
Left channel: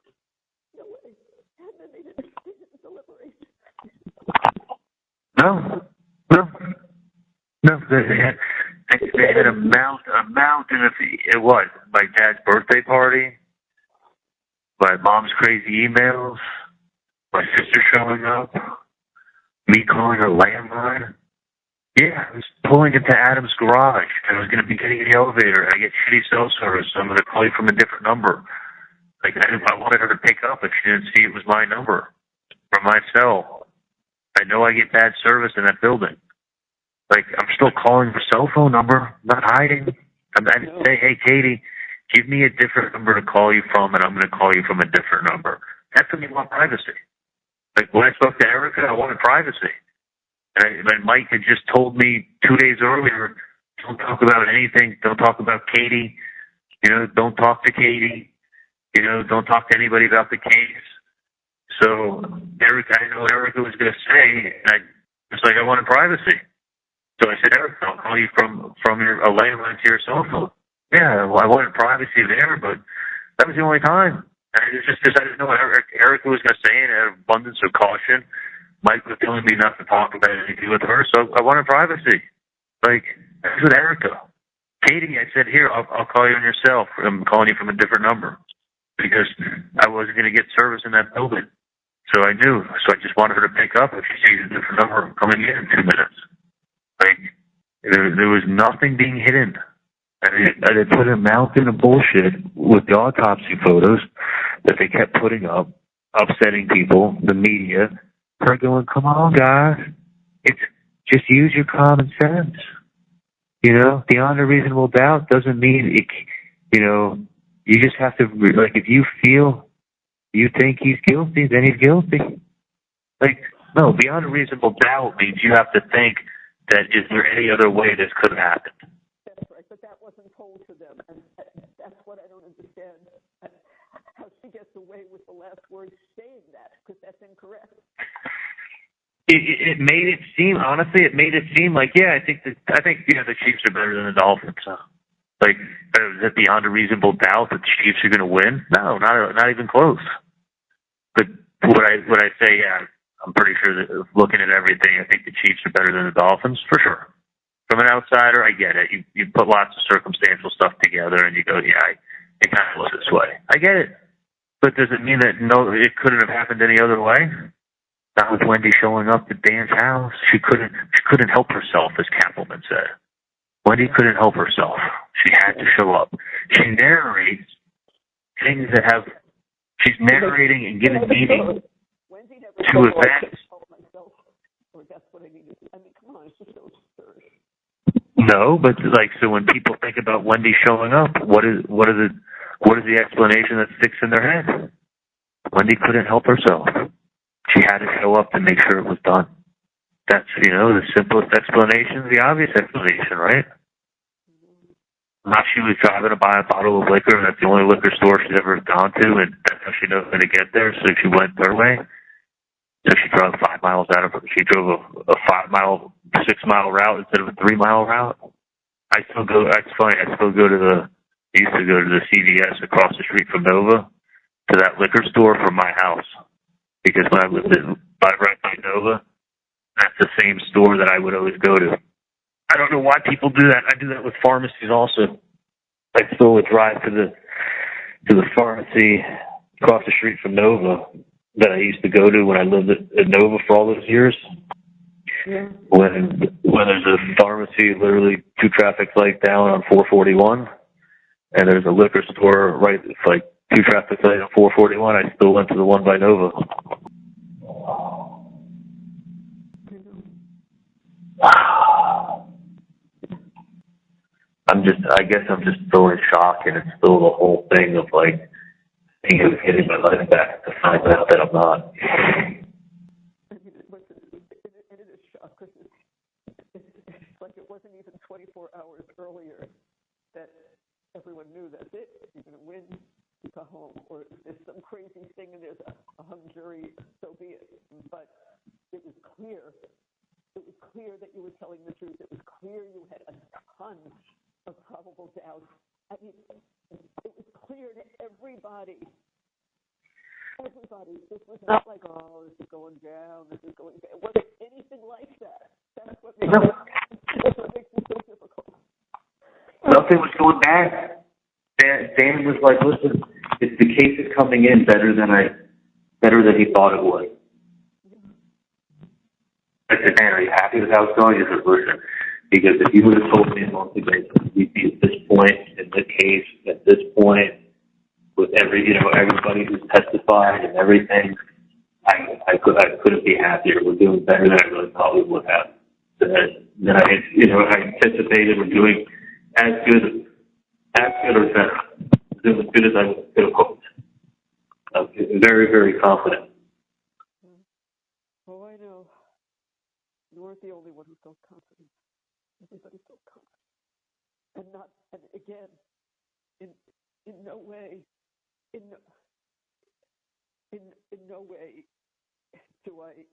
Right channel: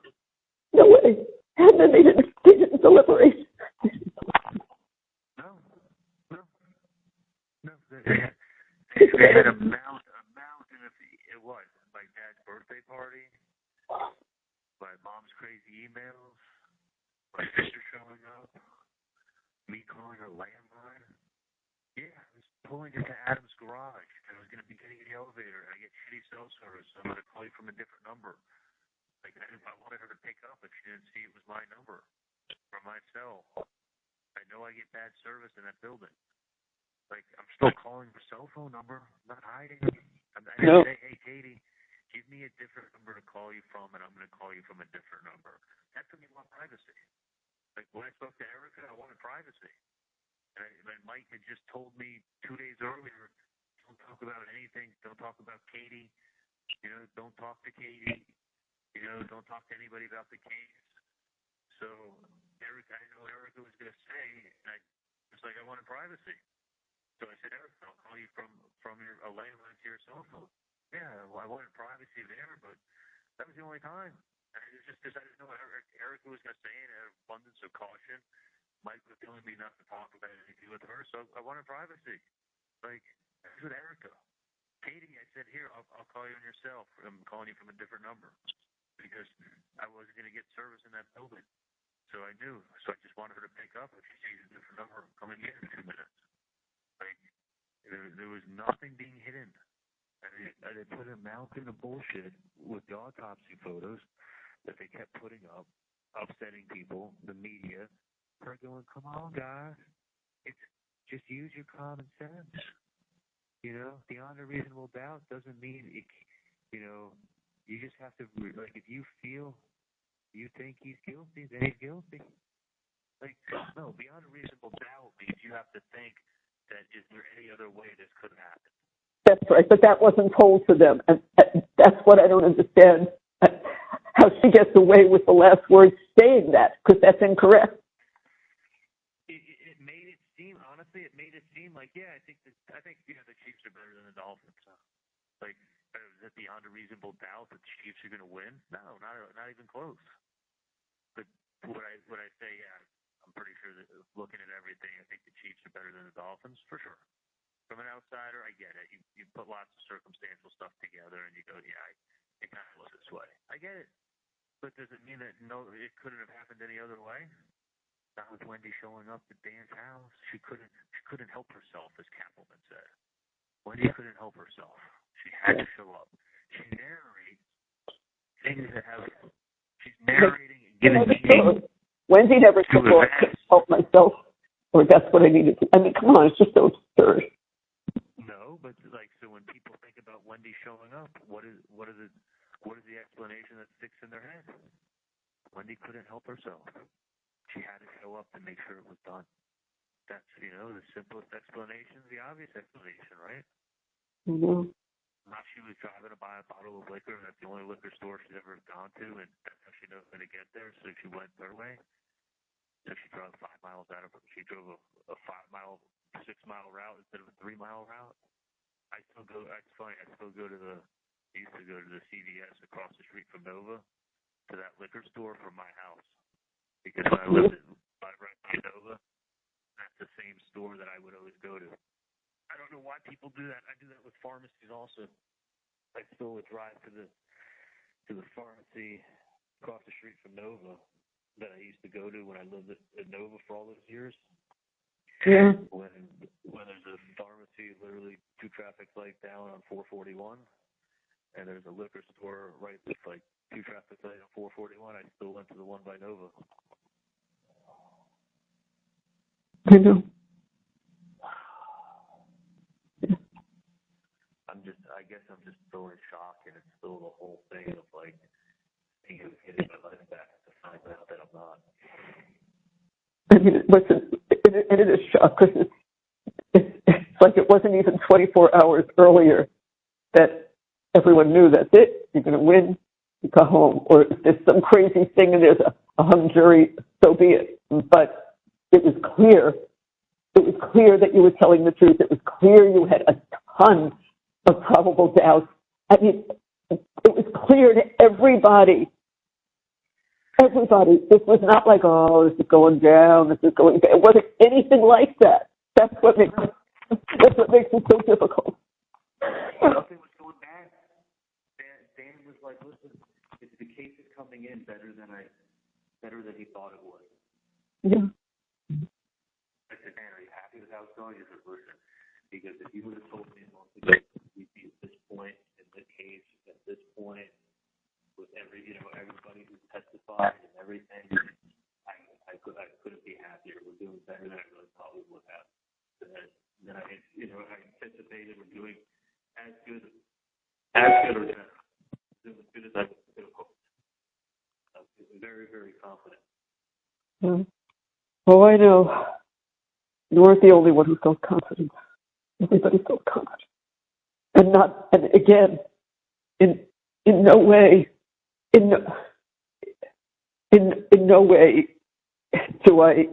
No way. And then they didn't deliberate. No. They had a mountain of it was my dad's birthday party, my mom's crazy emails, my sister showing up, me calling her landline. Yeah, I was pulling into Adam's garage. I was going to be getting in the elevator. I get shitty cell service, so I'm going to call you from a different number. Like, I wanted her to pick up if she didn't see it was my number from my cell. I know I get bad service in that building. Like, I'm still calling her cell phone number. I'm not hiding. I didn't say, hey, Katie, give me a different number to call you from, and I'm going to call you from a different number. That's when you want privacy. Like, when I spoke to Erica, I wanted privacy. And Mike had just told me 2 days earlier, don't talk about anything. Don't talk about Katie. Don't talk to Katie. Don't talk to anybody about the case. So I know Erica was going to say, and I was like, I wanted privacy. So I said, Erica, I'll call you from a landline to your cell phone. Yeah, well, I wanted privacy there, but that was the only time. And it was just I didn't know what Erica was going to say, and out of abundance of caution, Mike was telling me not to talk about anything with her, so I wanted privacy. Like, that's with Erica. Katie, I said, here, I'll call you on your cell. I'm calling you from a different number because I wasn't going to get service in that building. So I knew. So I just wanted her to pick up if she sees a different number coming in 2 minutes. Like, there was nothing being hidden. And they put a mountain of bullshit with the autopsy photos that they kept putting up, upsetting people, the media. Her going, come on, guys. It's just use your common sense. Beyond a reasonable doubt doesn't mean it, you just have to, like, if you feel, you think he's guilty, then he's guilty. Like, no, beyond a reasonable doubt means you have to think that is there any other way this could have happened? That's right, but that wasn't told to them, and that's what I don't understand. How she gets away with the last words saying that, because that's incorrect. It made it seem, honestly, like, yeah, I think the Chiefs are better than the Dolphins. So. Like, is it beyond a reasonable doubt that the Chiefs are going to win? No, not even close. But would I say, yeah, I'm pretty sure that looking at everything, I think the Chiefs are better than the Dolphins, for sure. From an outsider, I get it. You put lots of circumstantial stuff together and you go, yeah, it kind of looks this way. I get it. But does it mean that no, it couldn't have happened any other way? Not with Wendi showing up at Dan's house. She couldn't help herself, as Kappelman said. Wendi couldn't help herself. She had to show up. She narrates things that have. She's narrating and giving meaning. Wendi never said, "Well, I couldn't help myself," or "That's what I needed to." I mean, come on, it's just so absurd. No, but like, so when people think about Wendi showing up, what is the explanation that sticks in their head? Wendi couldn't help herself. She had to show up to make sure it was done. That's, the simplest explanation, the obvious explanation, right? Mm-hmm. Not she was driving to buy a bottle of liquor, and that's the only liquor store she's ever gone to, and that's how she knows how to get there, so she went her way. So she drove 5 miles out of her. She drove a 6-mile route instead of a 3-mile route. It's funny, I used to go to the CVS across the street from Nova to that liquor store from my house. Because when I lived right by Nova, that's the same store that I would always go to. I don't know why people do that. I do that with pharmacies also. I still would drive to the pharmacy across the street from Nova that I used to go to when I lived at Nova for all those years. Yeah. When there's a pharmacy literally 2 traffic lights down on 441, and there's a liquor store right, it's like 2 traffic lights on 441, I still went to the one by Nova. I know. I guess I'm just still in shock, and it's still the whole thing of like, thinking of getting my life back to find out that I'm not. I mean, listen, it is shock because it's like it wasn't even 24 hours earlier that everyone knew that's it. You're going to win, you go home. Or if there's some crazy thing and there's a hung jury, so be it. But it was clear. It was clear that you were telling the truth. It was clear you had a ton of probable doubts. I mean, it was clear to everybody. Everybody. This was not like, oh, this is going down, this is going down. It wasn't anything like that. That's what makes it so difficult. Nothing was going back. Dan was like, listen, the case is coming in better than he thought it would. Yeah. I said, Dan, are you happy with how it's going? He said, listen, because if you would have told me a month ago we'd be at this point in the case, at this point, with everybody who's testified and everything, I couldn't be happier. We're doing better than I really thought we would have. Then I anticipated we're doing as good or better. Doing as good as I could have hoped. I'm very, very confident. Oh, I know. You weren't the only one who felt confident. Everybody felt confident. And again, in no way, in no way do I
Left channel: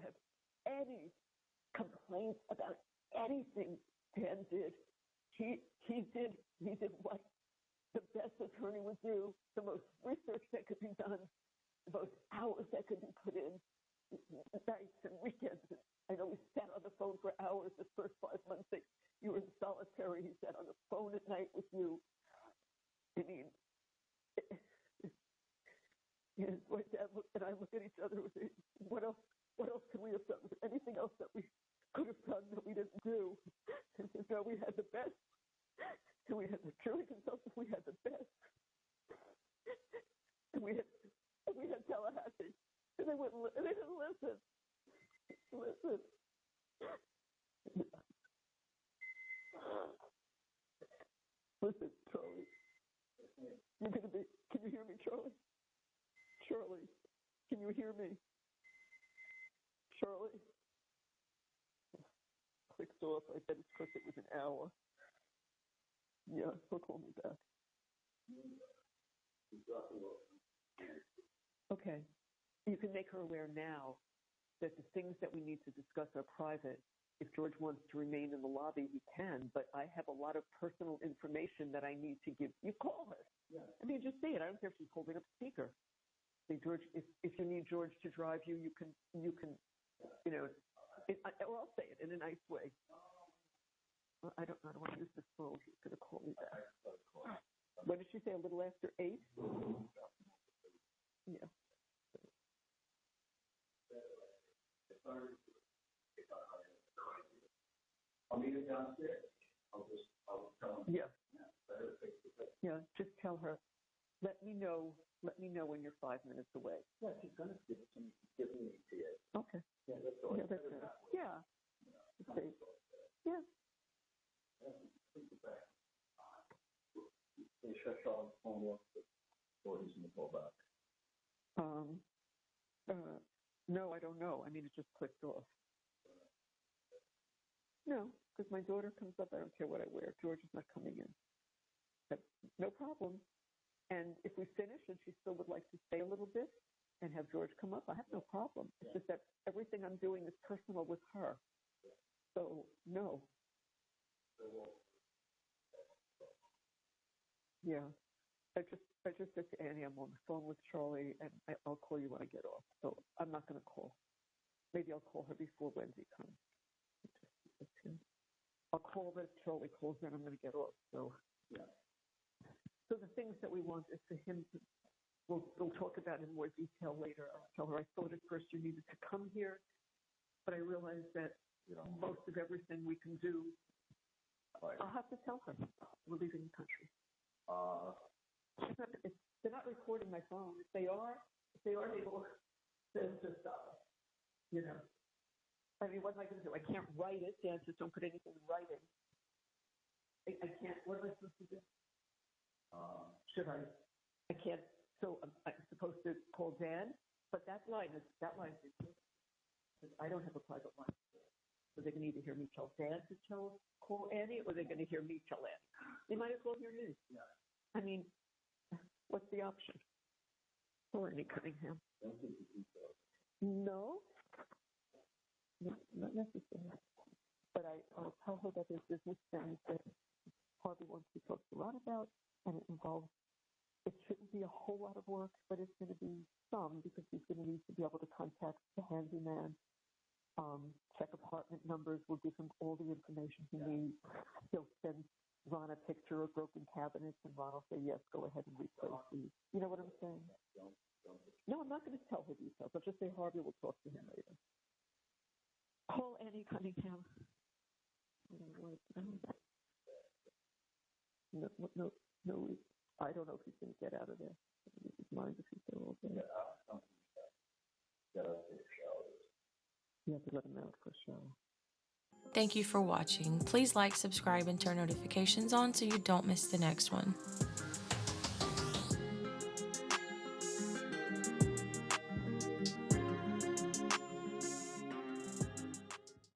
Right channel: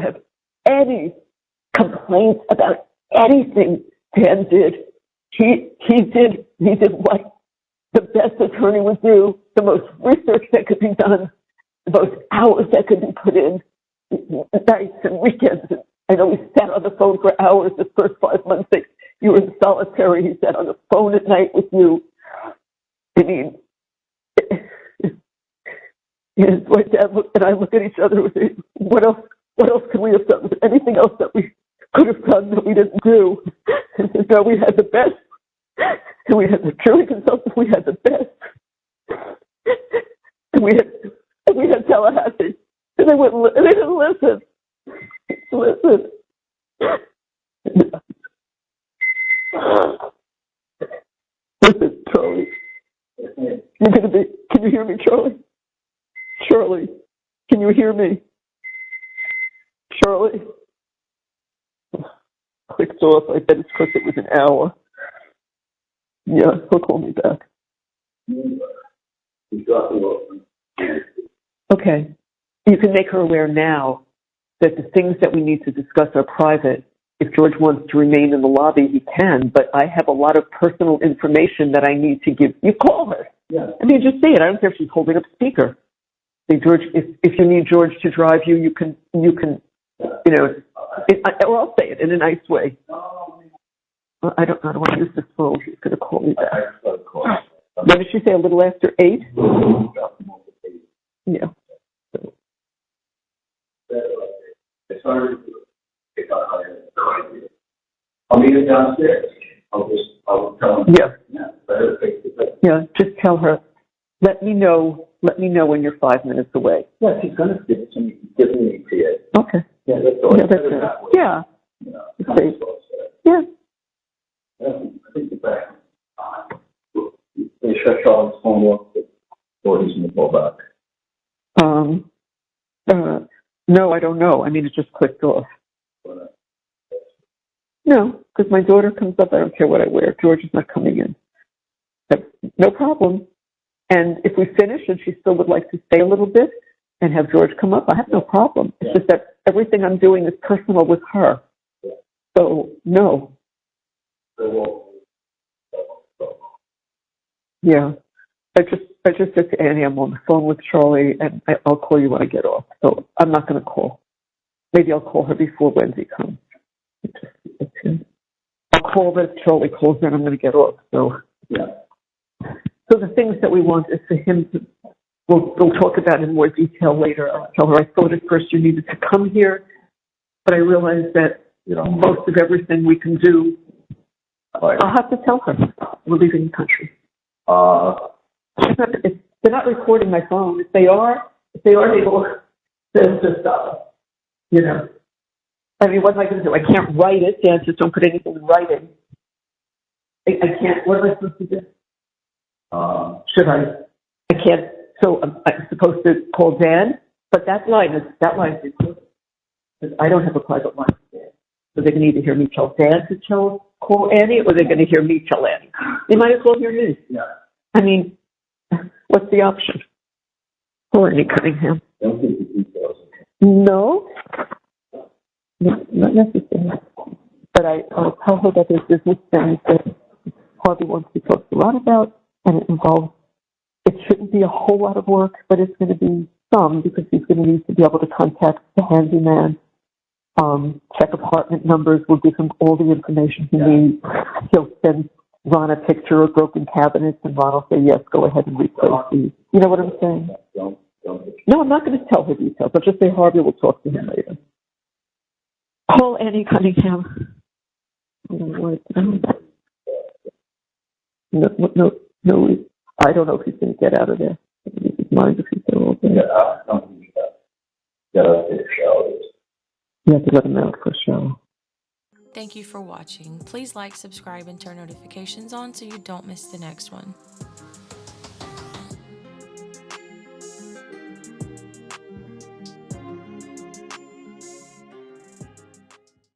have any complaints about anything Dan did. He did what the best attorney would do, the most research that could be done, the most hours that could be put in, nights and weekends. I know he sat on the phone for hours the first 5 months that you were in solitary. He sat on the phone at night with you. I mean, my dad and I look at each other and say, what else could we have done? Was there anything else that we could have done that we didn't do? And no, we had the best. And we had the jury consultant. We had the best. And we had Tallahassee. And they didn't listen. Listen. Listen, Charlie. you hear me, Charlie? Charlie, can you hear me? Charlie? Clicked off. I bet it's because it was an hour. Yeah, he'll call me back. Okay. You can make her aware now that the things that we need to discuss are private. If George wants to remain in the lobby, he can, but I have a lot of personal information that I need to give. You call her. Yeah. I mean, just say it. I don't care if she's holding up speaker. Say, George, if you need George to drive you, you can, or I'll say it in a nice way. I don't want to use this phone. She's going to call me back. What did she say, a little after 8? Yeah. I'll meet her downstairs. I'll tell him. Yeah, just tell her, let me know when you're 5 minutes away. Yeah, she's going to give it to me. Giving me to it. Okay. Yeah, that's all. Yeah, that's it. Yeah. Okay. Yeah. I think the back. They shut Charlie's phone off before he's going to call back. No, I don't know. I mean, it just clicked off. No, because my daughter comes up. I don't care what I wear. George is not coming in. But no problem. And if we finish and she still would like to stay a little bit and have George come up, I have no problem. It's just that everything I'm doing is personal with her. So, no. Yeah. I just said to Annie, I'm on the phone with Charlie, and I'll call you when I get off. So I'm not going to call. Maybe I'll call her before Wendi comes. I'll call her if Charlie calls her, and I'm going to get off. So, yeah. So the things that we want is for him to, we'll talk about in more detail later. I'll tell her I thought at first you needed to come here, but I realized that, most of everything we can do, I'll have to tell her we're leaving the country. They're not recording my phone. If they are, they will. They'll just stop. I mean, what am I going to do? I can't write it. Dan, just don't put anything in writing. I can't. What am I supposed to do? Should I? I can't. So I'm supposed to call Dan, but that line is recorded. Because I don't have a private line with Dan. So they're going to either hear me tell Dan to call Annie, or they're going to hear me tell Annie. They might as well hear me. Yeah. I mean, what's the option? Or Annie Cunningham? Don't give the details. No, not necessarily. But I'll tell her that there's business things that Harvey wants to talk a lot about, and it involves, it shouldn't be a whole lot of work, but it's going to be some, because he's going to need to be able to contact the handyman, check apartment numbers. We'll give him all the information he needs. He'll send Ron a picture of broken cabinets, and Ron will say, yes, go ahead and replace these. You know what I'm saying? No, I'm not going to tell her details. I'll just say Harvey will talk to him later. Call Annie Cunningham. I don't want to know. No, I don't know if he's going to get out of there. Maybe his mind if he's there all day. You have to let him out for a show. Thank you for watching. Please like, subscribe, and turn notifications on so you don't miss the next one.